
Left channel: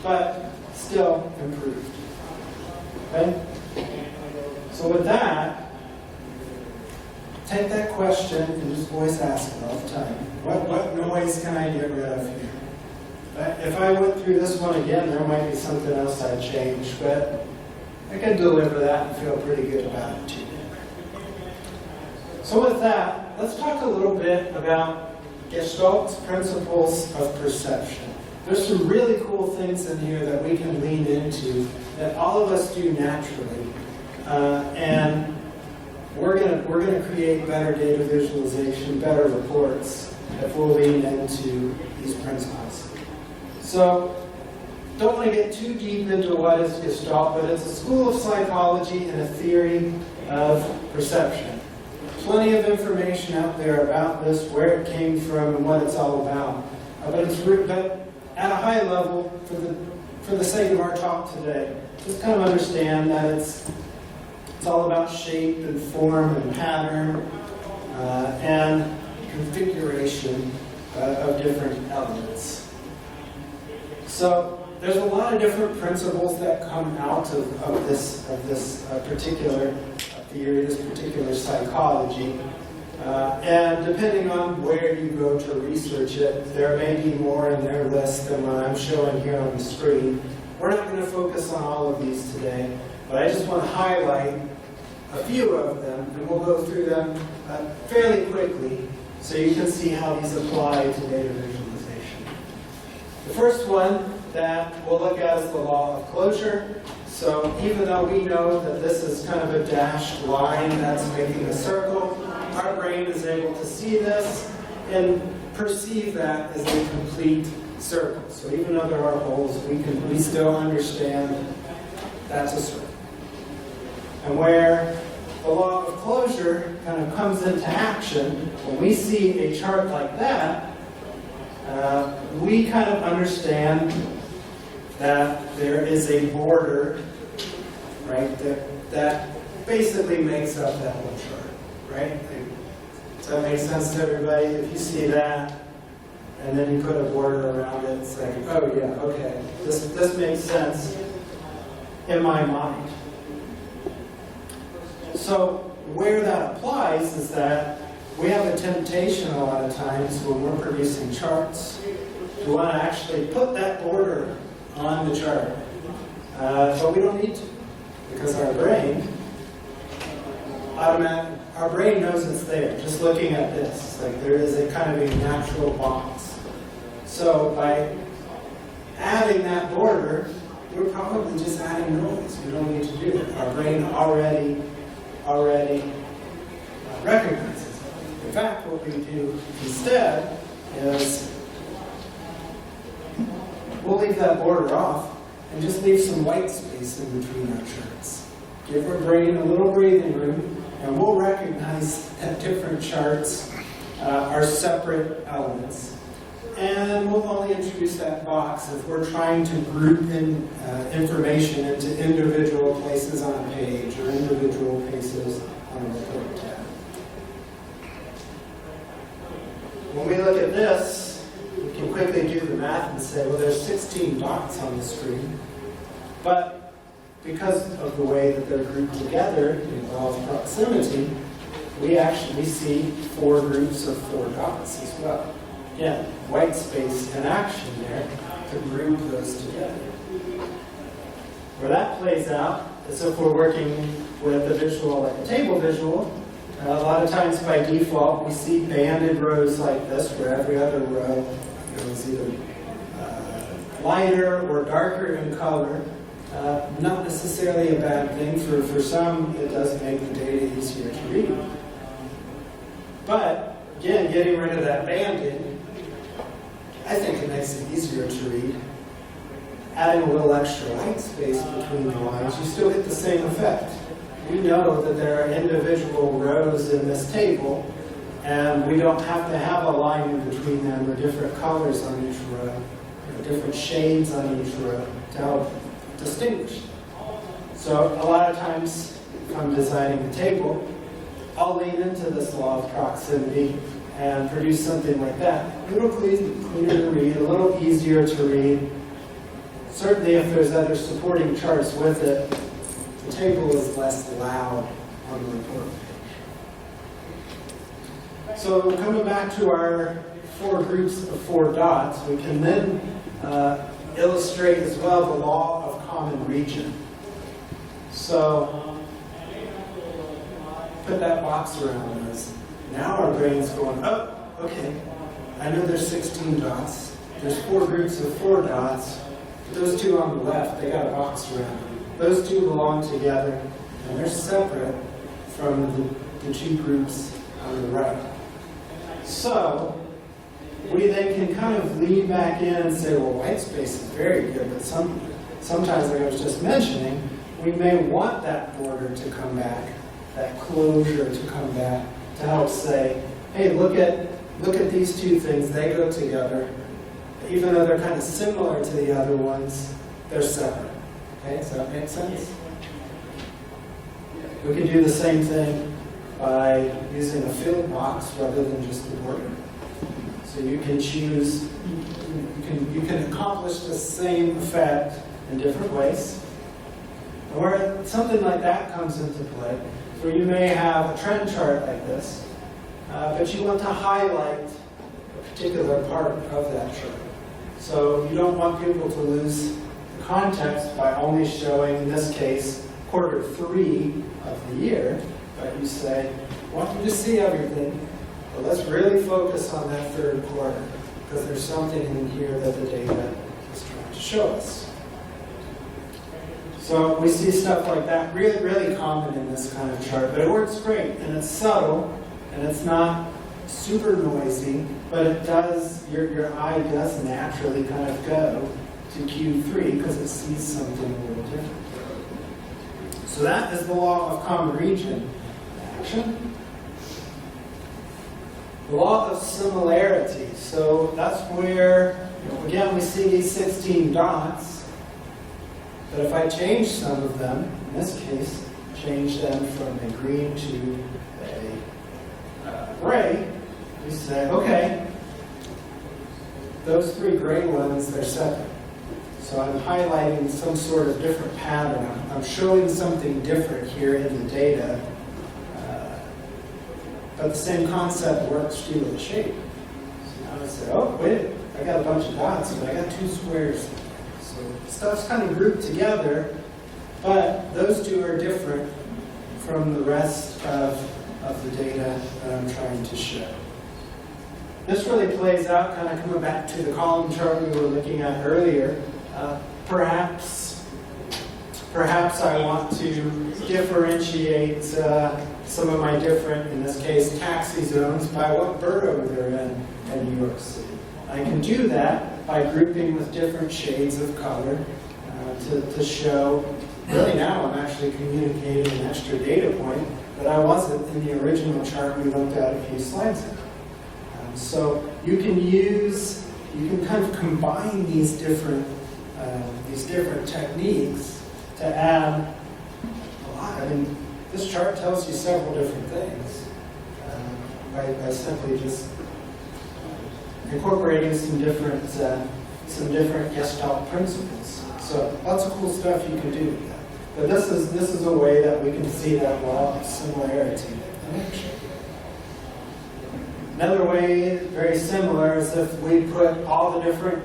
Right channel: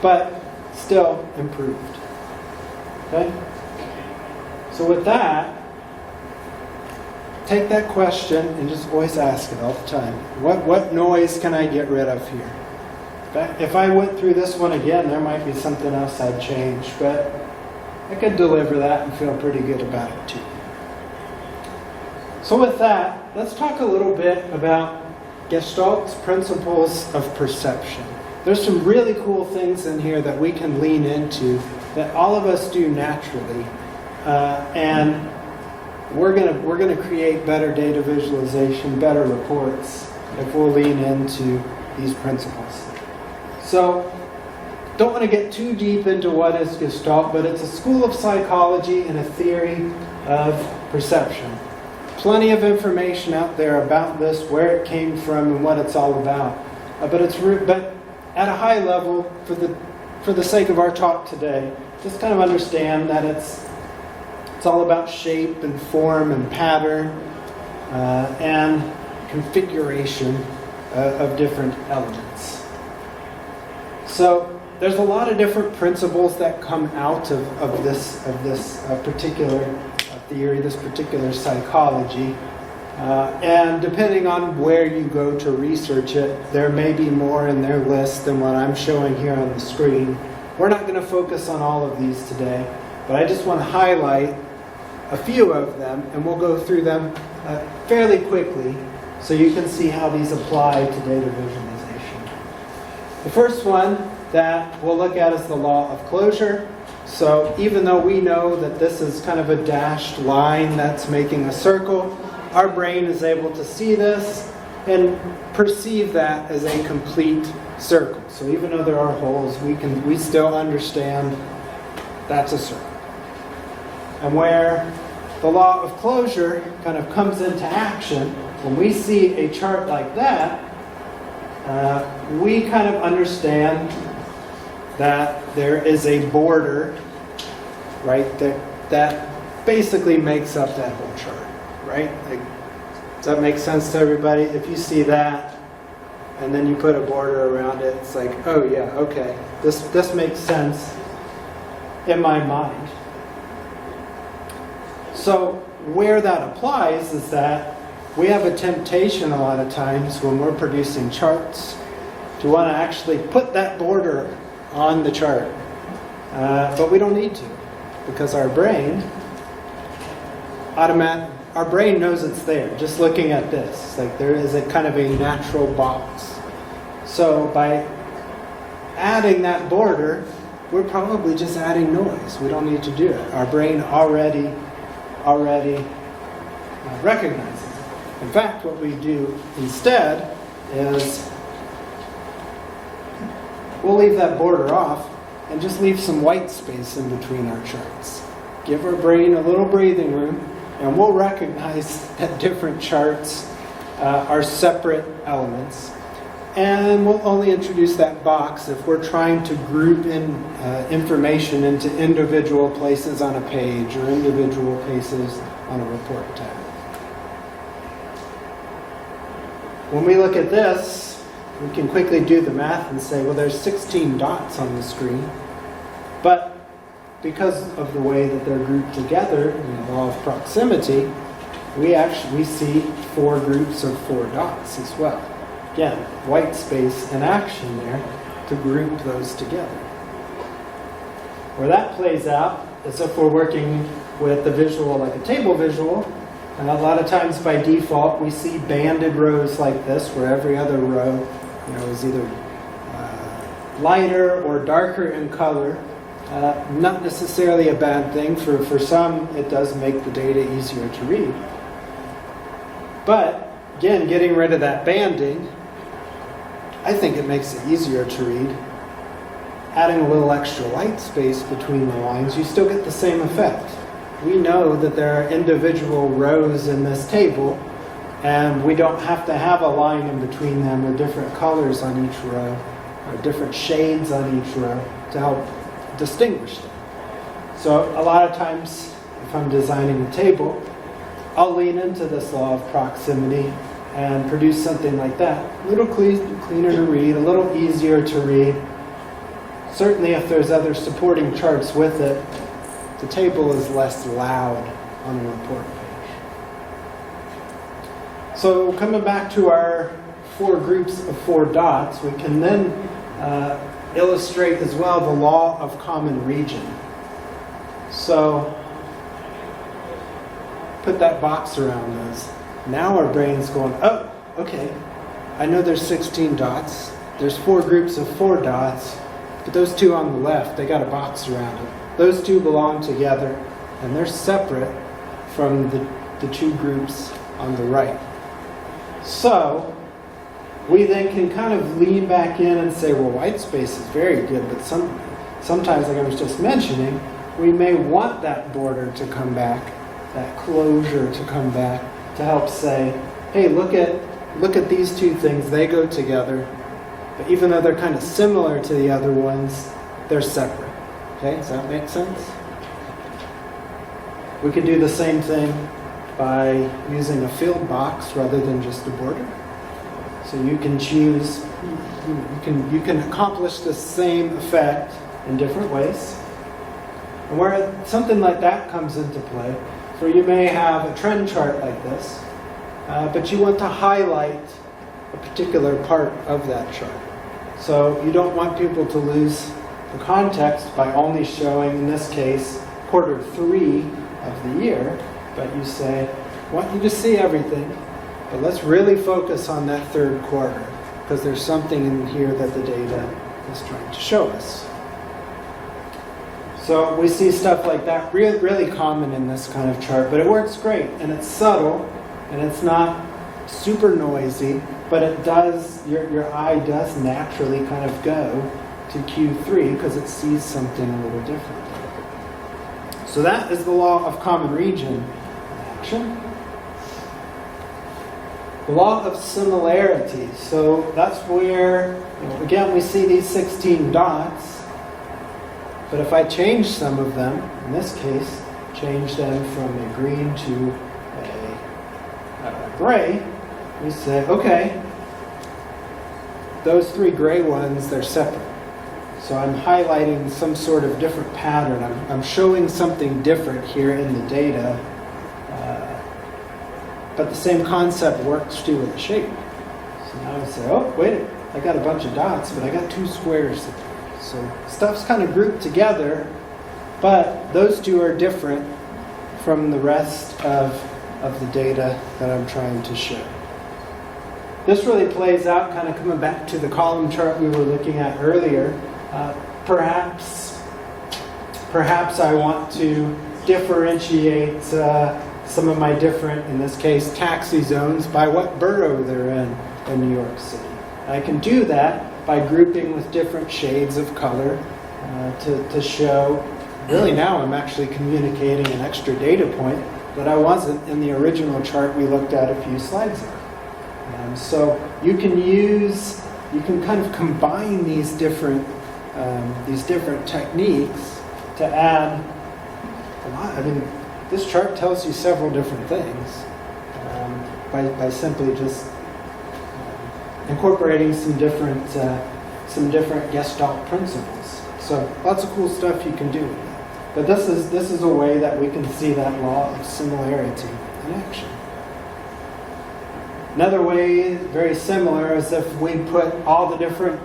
but still improved. Okay? So with that, take that question and just always ask it all the time. What noise can I get rid of here? If I went through this one again, there might be something else I'd change, but I could deliver that and feel pretty good about it too. So with that, let's talk a little bit about Gestalt's principles of perception. There's some really cool things in here that we can lean into that all of us do naturally, and we're gonna create better data visualization, better reports if we'll lean into these principles. So, don't want to get too deep into what is Gestalt, but it's a school of psychology and a theory of perception. Plenty of information out there about this, where it came from, and what it's all about. But at a high level, for the sake of our talk today, just kind of understand that it's all about shape and form and pattern and configuration of different elements. So there's a lot of different principles that come out of this particular theory, this particular psychology. And depending on where you go to research it, there may be more in their list than what I'm showing here on the screen. We're not going to focus on all of these today, but I just want to highlight a few of them, and we'll go through them fairly quickly so you can see how these apply to data visualization. The first one that we'll look at is the law of closure. So even though we know that this is kind of a dashed line that's making a circle, our brain is able to see this and perceive that as a complete circle. So even though there are holes, we still understand that's a circle. And where the law of closure kind of comes into action, when we see a chart like that, we kind of understand that there is a border, right, that basically makes up that whole chart, right? Does that make sense to everybody? If you see that, and then you put a border around it, it's like, oh yeah, okay, this makes sense in my mind. So where that applies is that we have a temptation a lot of times when we're producing charts to want to actually put that border on the chart. But we don't need to, because our brain knows it's there, just looking at this. It's like there is a kind of a natural box. So by adding that border, we're probably just adding noise. We don't need to do it. Our brain already recognizes it. In fact, what we do instead is we'll leave that border off and just leave some white space in between our charts. Give our brain a little breathing room, and we'll recognize that different charts are separate elements. And we'll only introduce that box if we're trying to group in information into individual places on a page or individual places on a report tab. When we look at this, we can quickly do the math and say, well, there's 16 dots on the screen. But because of the way that they're grouped together in the law of proximity, we actually see 4 groups of 4 dots as well. Again, white space and action there to group those together. Where that plays out is if we're working with the visual like a table visual, and a lot of times by default we see banded rows like this, where every other row is either lighter or darker in color. Not necessarily a bad thing. For some, it does make the data easier to read. But again, getting rid of that banding, I think it makes it easier to read. Adding a little extra white space between the lines, you still get the same effect. We know that there are individual rows in this table, and we don't have to have a line in between them or different colors on each row or different shades on each row to help distinguish them. So a lot of times, if I'm designing a table, I'll lean into this law of proximity and produce something like that. A little cleaner to read, a little easier to read. Certainly if there's other supporting charts with it, the table is less loud on the report page. So coming back to our 4 groups of 4 dots, we can then illustrate as well the law of common region. So put that box around us. Now our brain's going, oh, okay, I know there's 16 dots. There's 4 groups of 4 dots, but those 2 on the left, they got a box around them. Those 2 belong together, and they're separate from the 2 groups on the right. So we then can kind of lean back in and say, well, white space is very good, but sometimes, like I was just mentioning, we may want that border to come back, that closure to come back, to help say, hey, look at these 2 things, they go together, but even though they're kind of similar to the other ones, they're separate. Okay, does that make sense? We can do the same thing by using a filled box rather than just a border. So you can choose, you can accomplish the same effect in different ways. And where something like that comes into play, so you may have a trend chart like this, but you want to highlight a particular part of that chart. So you don't want people to lose the context by only showing, in this case, quarter 3 of the year, but you say, I want you to see everything, but let's really focus on that 3rd quarter, because there's something in here that the data is trying to show us. So we see stuff like that really, really common in this kind of chart, but it works great, and it's subtle, and it's not super noisy, but it does, your eye does naturally kind of go to Q3 because it sees something a little different. So that is the law of common region action. The law of similarity. So that's where, again, we see these 16 dots, but if I change some of them, in this case, change them from a green to a gray, we say, okay, those 3 gray ones, they're separate. So I'm highlighting some sort of different pattern. I'm showing something different here in the data, but the same concept works too with the shape. So now I say, oh, wait, I got a bunch of dots, but I got 2 squares. So stuff's kind of grouped together, but those 2 are different from the rest of the data that I'm trying to show. This really plays out, kind of coming back to the column chart we were looking at earlier. Perhaps I want to differentiate some of my different, in this case, taxi zones by what borough they're in New York City. I can do that by grouping with different shades of color to show, really now I'm actually communicating an extra data point that I wasn't in the original chart we looked at a few slides ago. So you can kind of combine these different techniques to add a lot. I mean, this chart tells you several different things by simply just incorporating some different Gestalt principles. So lots of cool stuff you can do with that. But this is a way that we can see that law of similarity in action. Another way, very similar, is if we put all the different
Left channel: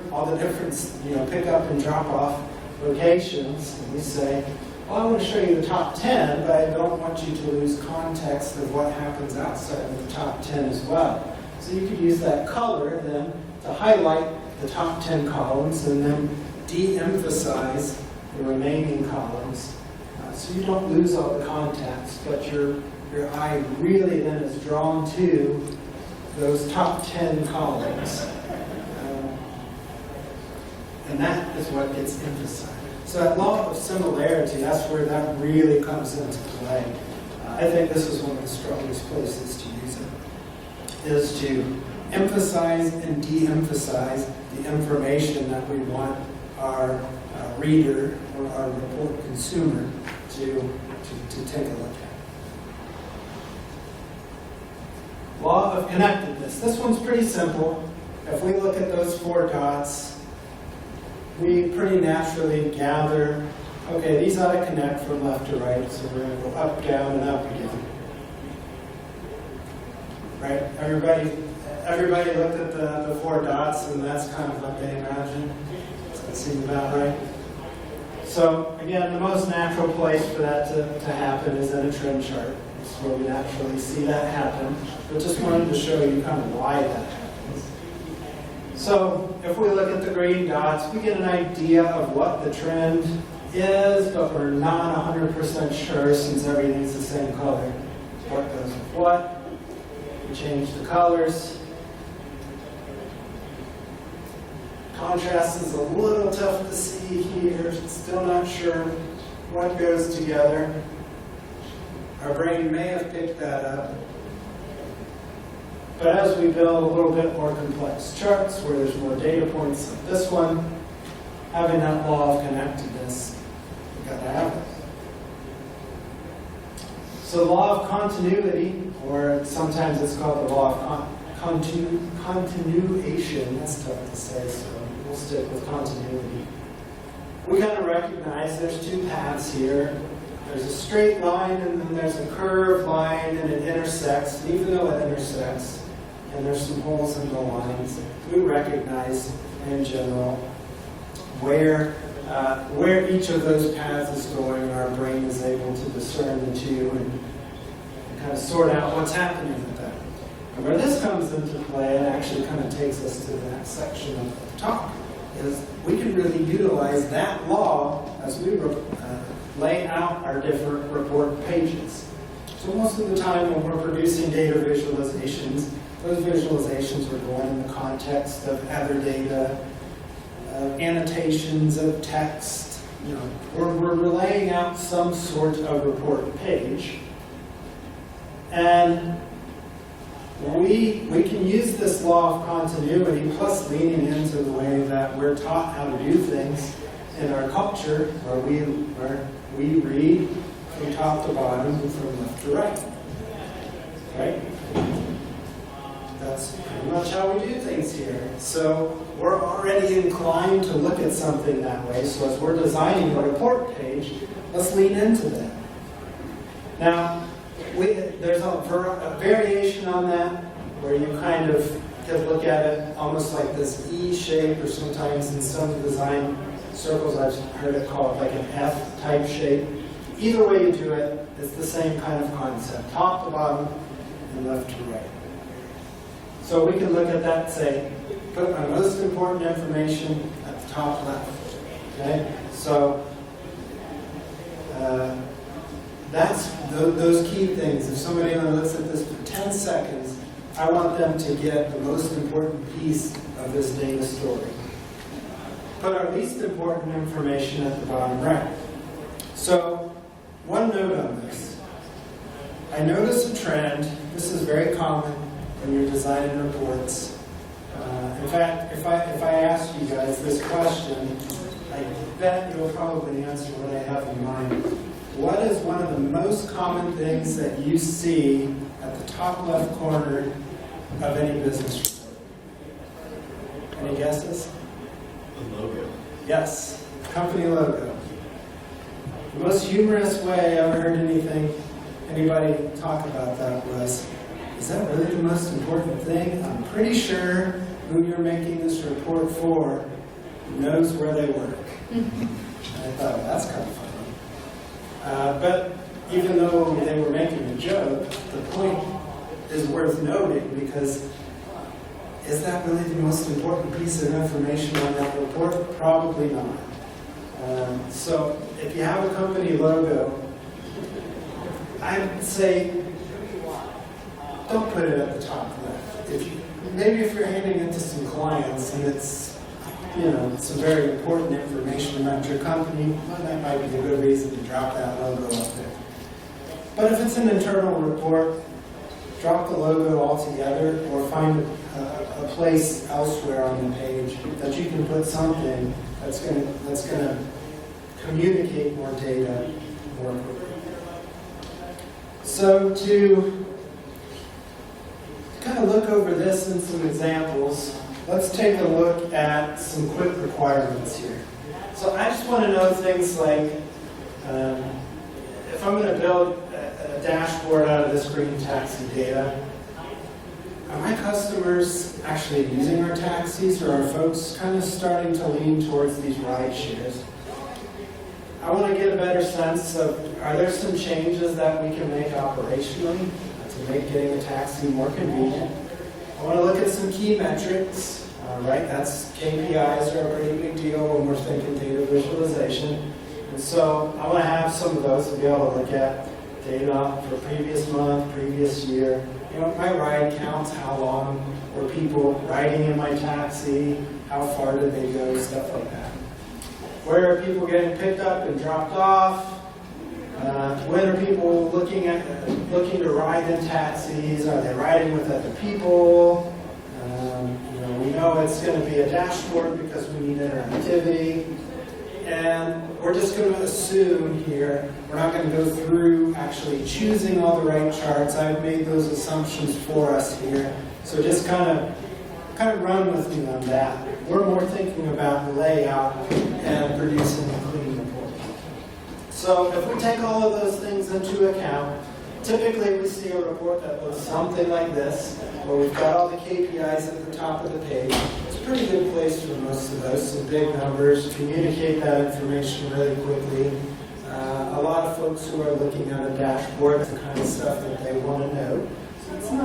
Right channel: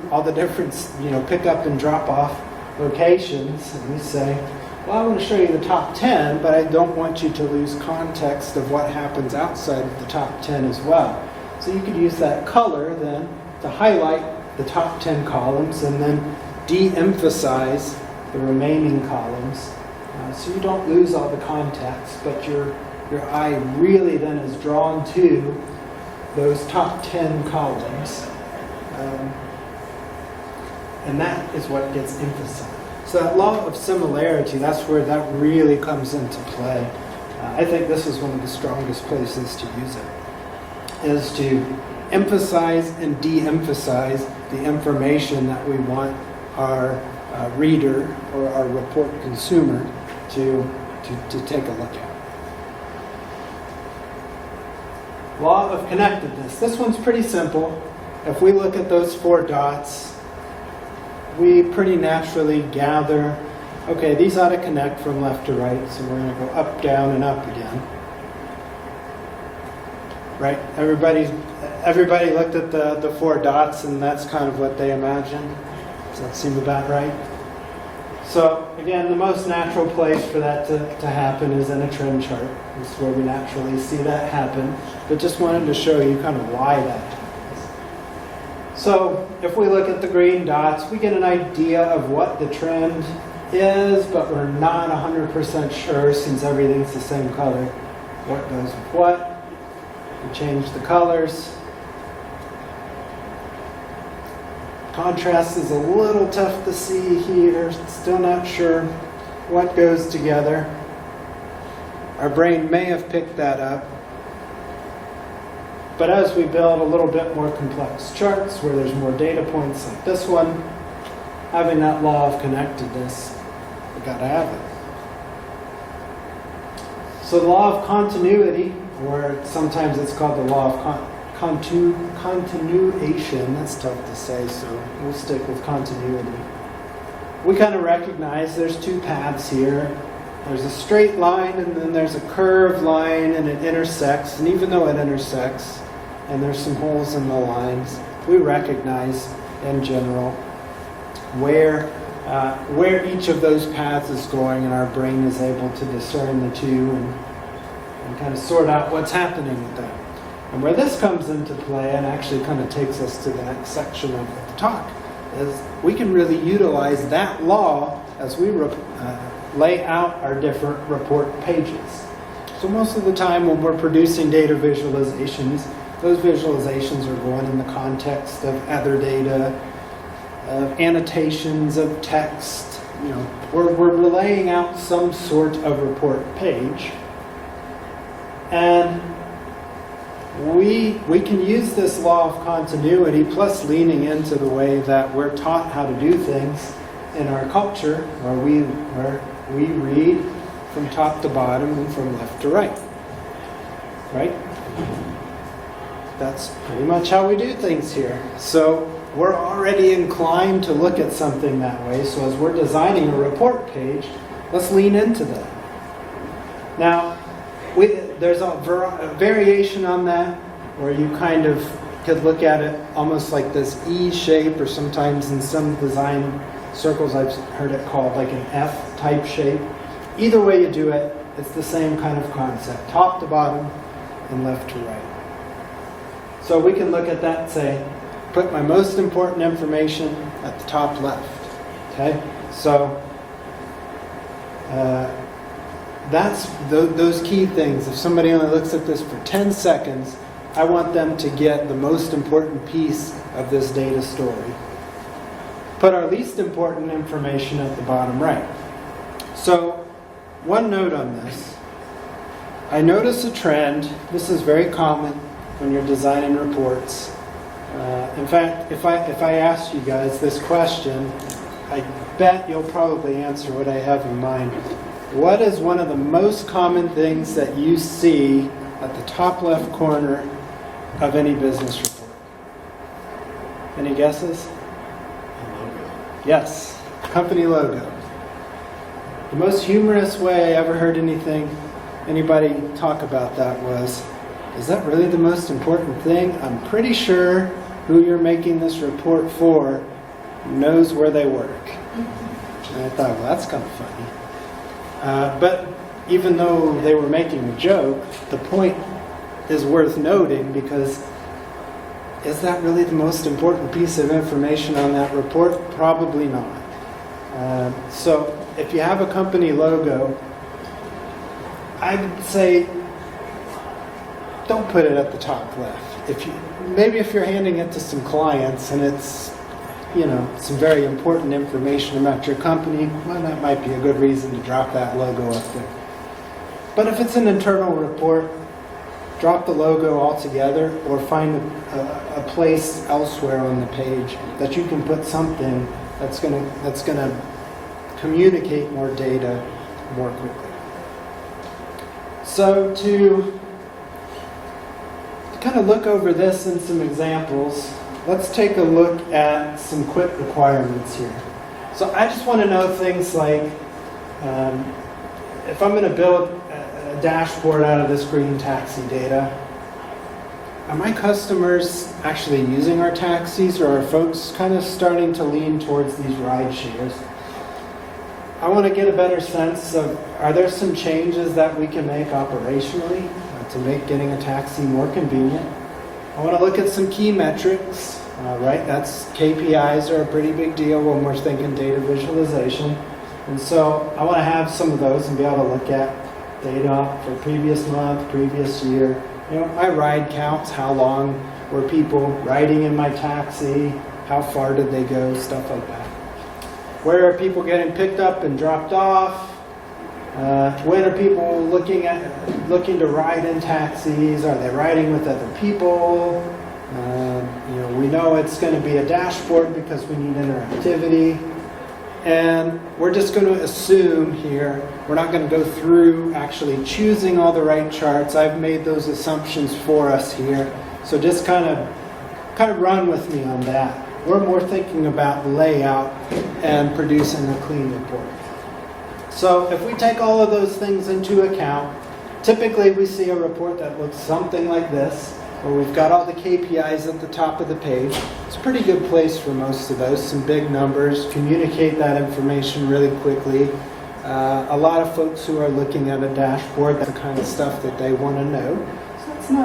pick up and drop off locations, and we say, well, I want to show you the top 10, but I don't want you to lose context of what happens outside of the top 10 as well. So you could use that color then to highlight the top 10 columns and then de-emphasize the remaining columns. So you don't lose all the context, but you're your eye really then is drawn to those top 10 columns. And that is what gets emphasized. So that law of similarity, that's where that really comes into play. I think this is one of the strongest places to use it, is to emphasize and de-emphasize the information that we want our reader or our report consumer to take a look at. Law of connectedness. This one's pretty simple. If we look at those 4 dots, we pretty naturally gather, okay, these ought to connect from left to right, so we're going to go up, down, and up again. Right? Everybody looked at the 4 dots, and that's kind of what they imagined. Does that seem about right? So, again, the most natural place for that to happen is in a trend chart. It's where we naturally see that happen. But just wanted to show you kind of why that happens. So, if we look at the green dots, we get an idea of what the trend is, but we're not 100% sure since everything's the same color. What goes with what? We change the colors. Contrast is a little tough to see here. Still not sure what goes together. Our brain may have picked that up. But as we build a little bit more complex charts where there's more data points like this one, having that law of connectedness, we got to have it. So the law of continuity, or sometimes it's called the law of continuation, that's tough to say, so we'll stick with continuity. We kind of recognize there's 2 paths here. There's a straight line and then there's a curved line and it intersects, and even though it intersects and there's some holes in the lines, we recognize in general where each of those paths is going, and our brain is able to discern the 2 and kind of sort out what's happening with that. And where this comes into play and actually kind of takes us to the next section of the talk is we can really utilize that law as we lay out our different report pages. So most of the time when we're producing data visualizations, those visualizations are going in the context of other data, of annotations, of text. We're laying out some sort of report page. And we can use this law of continuity plus leaning into the way that we're taught how to do things in our culture where we read from top to bottom and from left to right. Right? That's pretty much how we do things here. So we're already inclined to look at something that way. So as we're designing a report page, let's lean into that. Now, there's a variation on that where you kind of could look at it almost like this E shape, or sometimes in some design circles I've heard it called like an F type shape. Either way you do it, it's the same kind of concept, top to bottom and left to right. So we can look at that and say, put my most important information at the top left. Okay? So that's those key things. If somebody only looks at this for 10 seconds, I want them to get the most important piece of this data story. Put our least important information at the bottom right. So, one note on this. I notice a trend. This is very common when you're designing reports. In fact, if I ask you guys this question, I bet you'll probably answer what I have in mind. What is one of the most common things that you see at the top left corner of any business report? Any guesses? The logo. Yes, company logo. The most humorous way I ever heard anybody talk about that was, is that really the most important thing? I'm pretty sure who you're making this report for knows where they work. And I thought, well, that's kind of funny. But even though they were making a joke, the point is worth noting, because is that really the most important piece of information on that report? Probably not. So if you have a company logo, I would say don't put it at the top left. Maybe if you're handing it to some clients and it's, some very important information about your company, well, that might be a good reason to drop that logo up there. But if it's an internal report, drop the logo altogether or find a place elsewhere on the page that you can put something that's going to communicate more data more quickly. So to kind of look over this in some examples, let's take a look at some quick requirements here. So I just want to know things like, if I'm going to build a dashboard out of this green taxi data, are my customers actually using our taxis, or are folks kind of starting to lean towards these ride shares? I want to get a better sense of, are there some changes that we can make operationally to make getting a taxi more convenient? I want to look at some key metrics, right? That's KPIs are a pretty big deal when we're thinking data visualization. And so I want to have some of those and be able to look at data for previous month, previous year. My ride counts, how long were people riding in my taxi, how far did they go, stuff like that. Where are people getting picked up and dropped off? When are people looking to ride in taxis? Are they riding with other people? We know it's going to be a dashboard because we need interactivity. And we're just going to assume here, we're not going to go through actually choosing all the right charts. I've made those assumptions for us here. So just kind of run with me on that. We're more thinking about layout and producing a clean report. So if we take all of those things into account, typically we see a report that looks something like this, where we've got all the KPIs at the top of the page. It's a pretty good place for most of those, some big numbers, communicate that information really quickly. A lot of folks who are looking at a dashboard, that's the kind of stuff that they want to know. So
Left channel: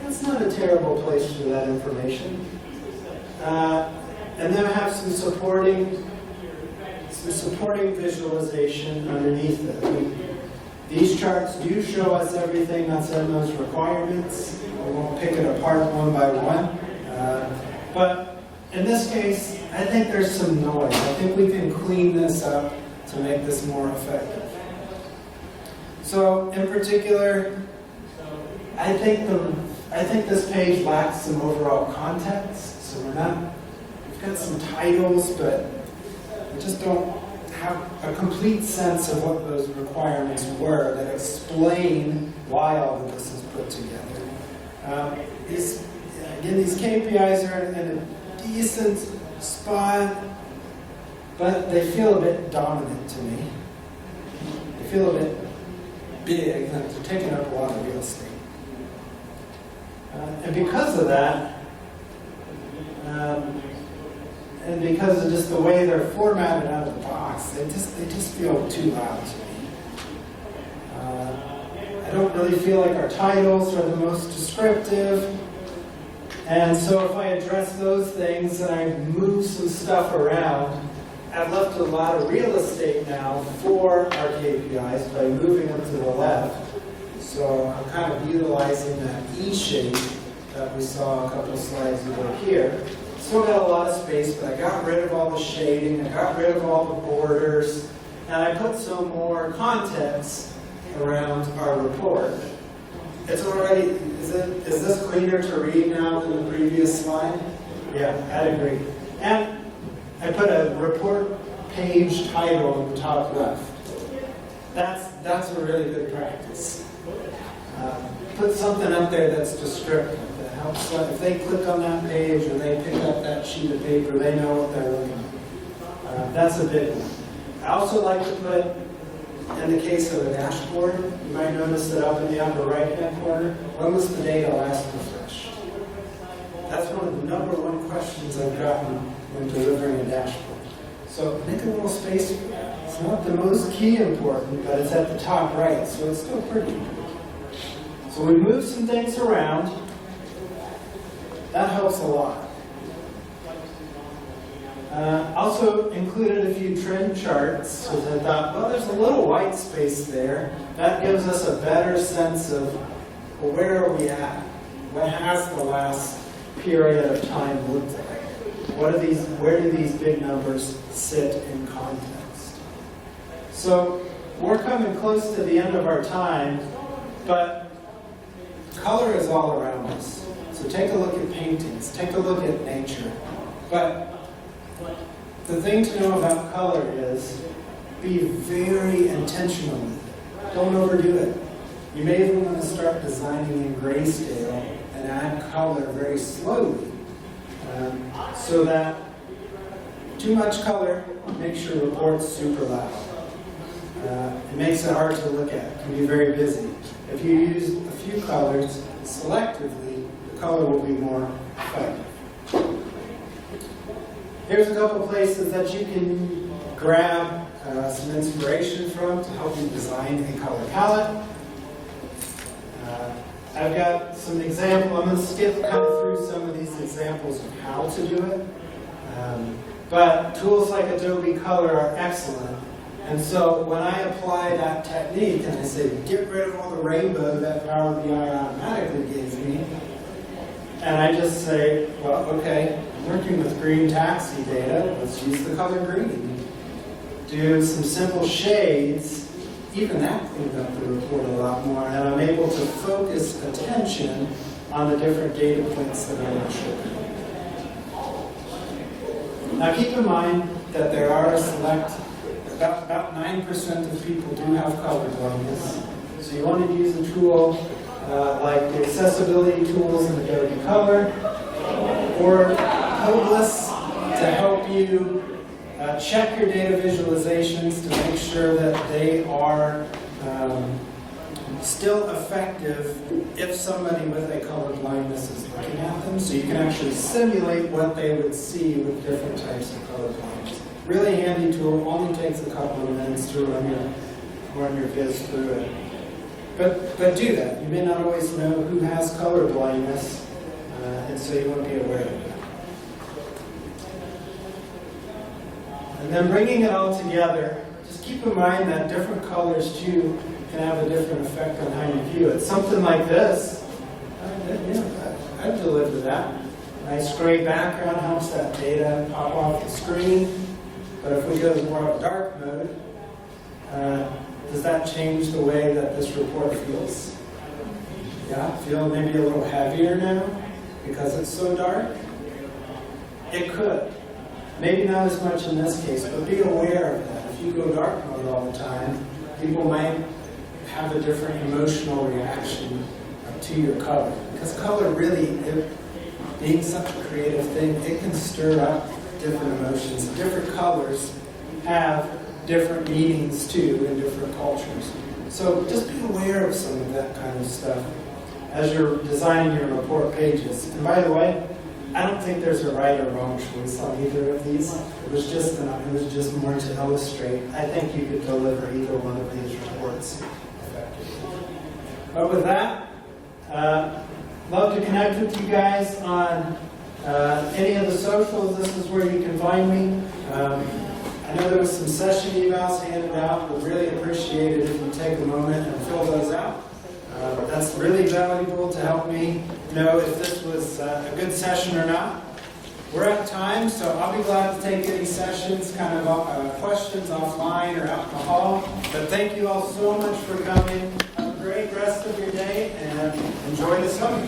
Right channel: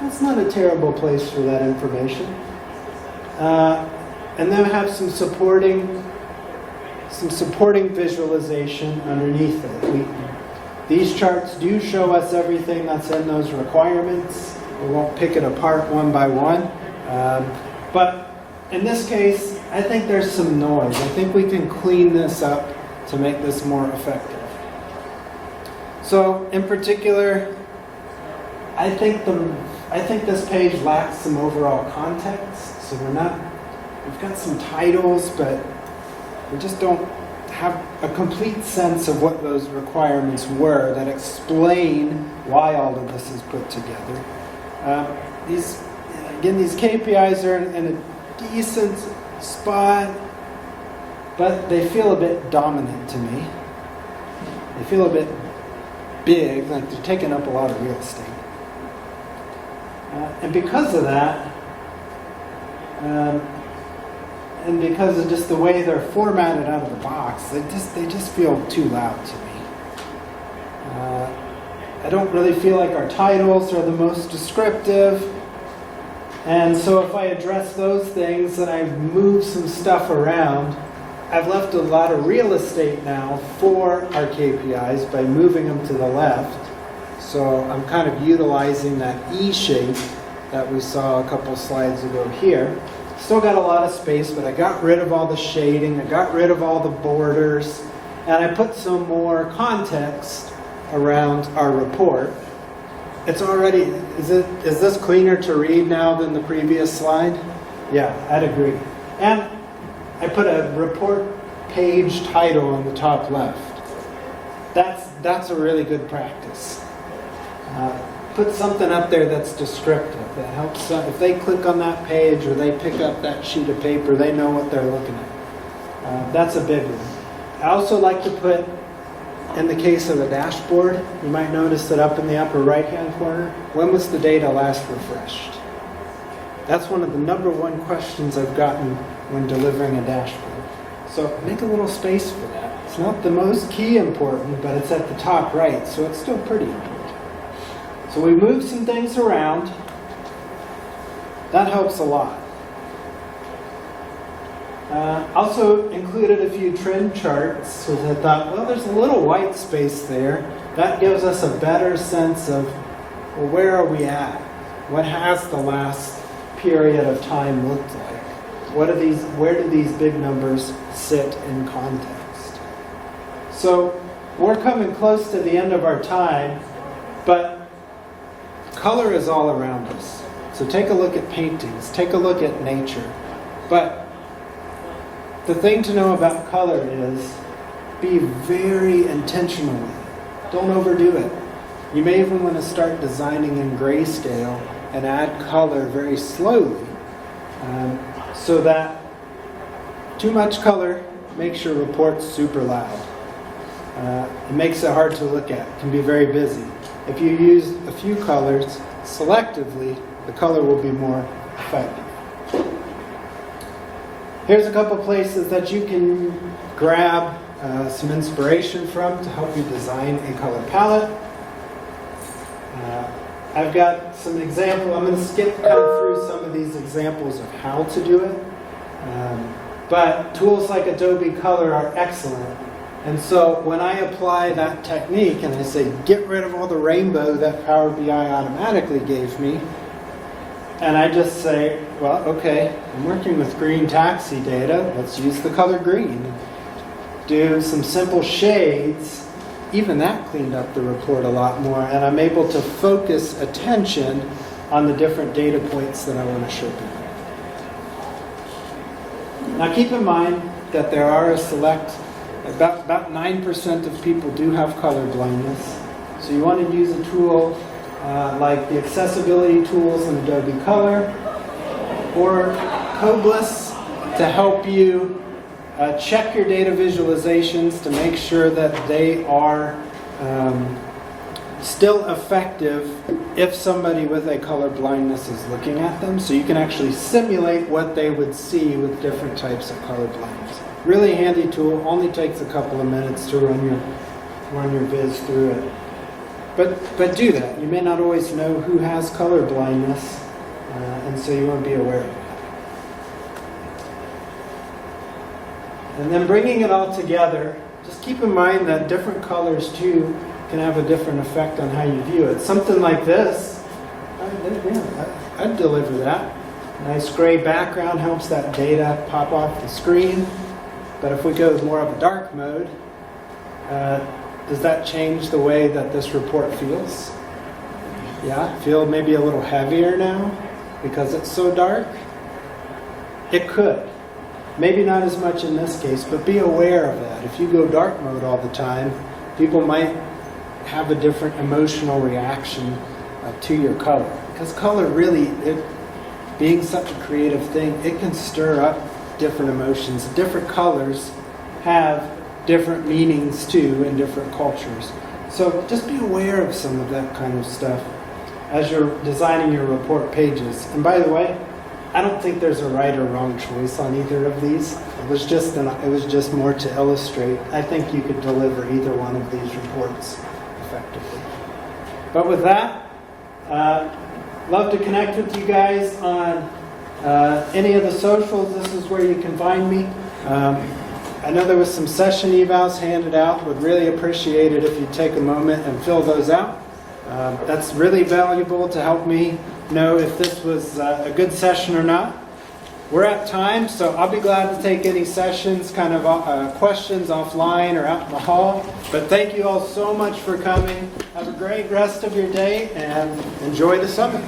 that's not a terrible place for that information. And then have some supporting visualization underneath it. These charts do show us everything that's in those requirements. We won't pick it apart one by one. But in this case, I think there's some noise. I think we can clean this up to make this more effective. So in particular, I think this page lacks some overall context. So we've got some titles, but we just don't have a complete sense of what those requirements were that explain why all of this is put together. These KPIs are in a decent spot, but they feel a bit dominant to me. They feel a bit big, like they're taking up a lot of real estate. And because of that, and because of just the way they're formatted out of the box, they just feel too loud to me. I don't really feel like our titles are the most descriptive. And so if I address those things and I move some stuff around, I've left a lot of real estate now for our KPIs by moving them to the left. So I'm kind of utilizing that E shape that we saw a couple slides ago here. Still got a lot of space, but I got rid of all the shading, I got rid of all the borders, and I put some more context around our report. It's already, is this cleaner to read now than the previous slide? Yeah, I'd agree. And I put a report page title on the top left. That's a really good practice. Put something up there that's descriptive, that helps if they click on that page or they pick up that sheet of paper, they know what they're looking at. That's a big one. I also like to put, in the case of a dashboard, you might notice that up in the upper right-hand corner, when was the data last refreshed? That's one of the number one questions I've gotten when delivering a dashboard. So make a little space for that. It's not the most key important, but it's at the top right, so it's still pretty important. So we move some things around. That helps a lot. Also included a few trend charts because I thought, well, there's a little white space there. That gives us a better sense of well, where are we at? What has the last period of time looked like? Where do these big numbers sit in context? So we're coming close to the end of our time, but color is all around us. So take a look at paintings, take a look at nature. But the thing to know about color is be very intentional with it. Don't overdo it. You may even want to start designing in grayscale and add color very slowly, so that too much color makes your report super loud. It makes it hard to look at. It can be very busy. If you use a few colors selectively, the color will be more effective. Here's a couple places that you can grab some inspiration from to help you design a color palette. I've got some examples. I'm going to skip kind of through some of these examples of how to do it. But tools like Adobe Color are excellent. And so when I apply that technique and I say, get rid of all the rainbow that Power BI automatically gave me, and I just say, well, okay, I'm working with green taxi data. Let's use the color green. Do some simple shades. Even that cleaned up the report a lot more, and I'm able to focus attention on the different data points that I want to show people. Now keep in mind that there are a select, about 9% of people do have color blindness. So you want to use a tool like the accessibility tools in Adobe Color or Coblis to help you check your data visualizations to make sure that they are still effective if somebody with a color blindness is looking at them. So you can actually simulate what they would see with different types of color blindness. Really handy tool, only takes a couple of minutes to run your viz through it. But do that. You may not always know who has color blindness, and so you want to be aware of it. And then bringing it all together, just keep in mind that different colors too can have a different effect on how you view it. Something like this, I'd deliver that. Nice gray background helps that data pop off the screen. But if we go to more of a dark mode, does that change the way that this report feels? Yeah, feel maybe a little heavier now because it's so dark? It could. Maybe not as much in this case, but be aware of that. If you go dark mode all the time, people might have a different emotional reaction to your color. Because color really, being such a creative thing, it can stir up different emotions. Different colors have different meanings too in different cultures. So just be aware of some of that kind of stuff as you're designing your report pages. And by the way, I don't think there's a right or wrong choice on either of these. It was just more to illustrate. I think you could deliver either one of these reports effectively. But with that, love to connect with you guys on any of the socials. This is where you can find me. I know there was some session evals handed out. Would really appreciate it if you take a moment and fill those out. That's really valuable to help me know if this was a good session or not. We're at time, so I'll be glad to take any sessions, kind of questions offline or out in the hall. But thank you all so much for coming. Have a great rest of your day and enjoy the summer.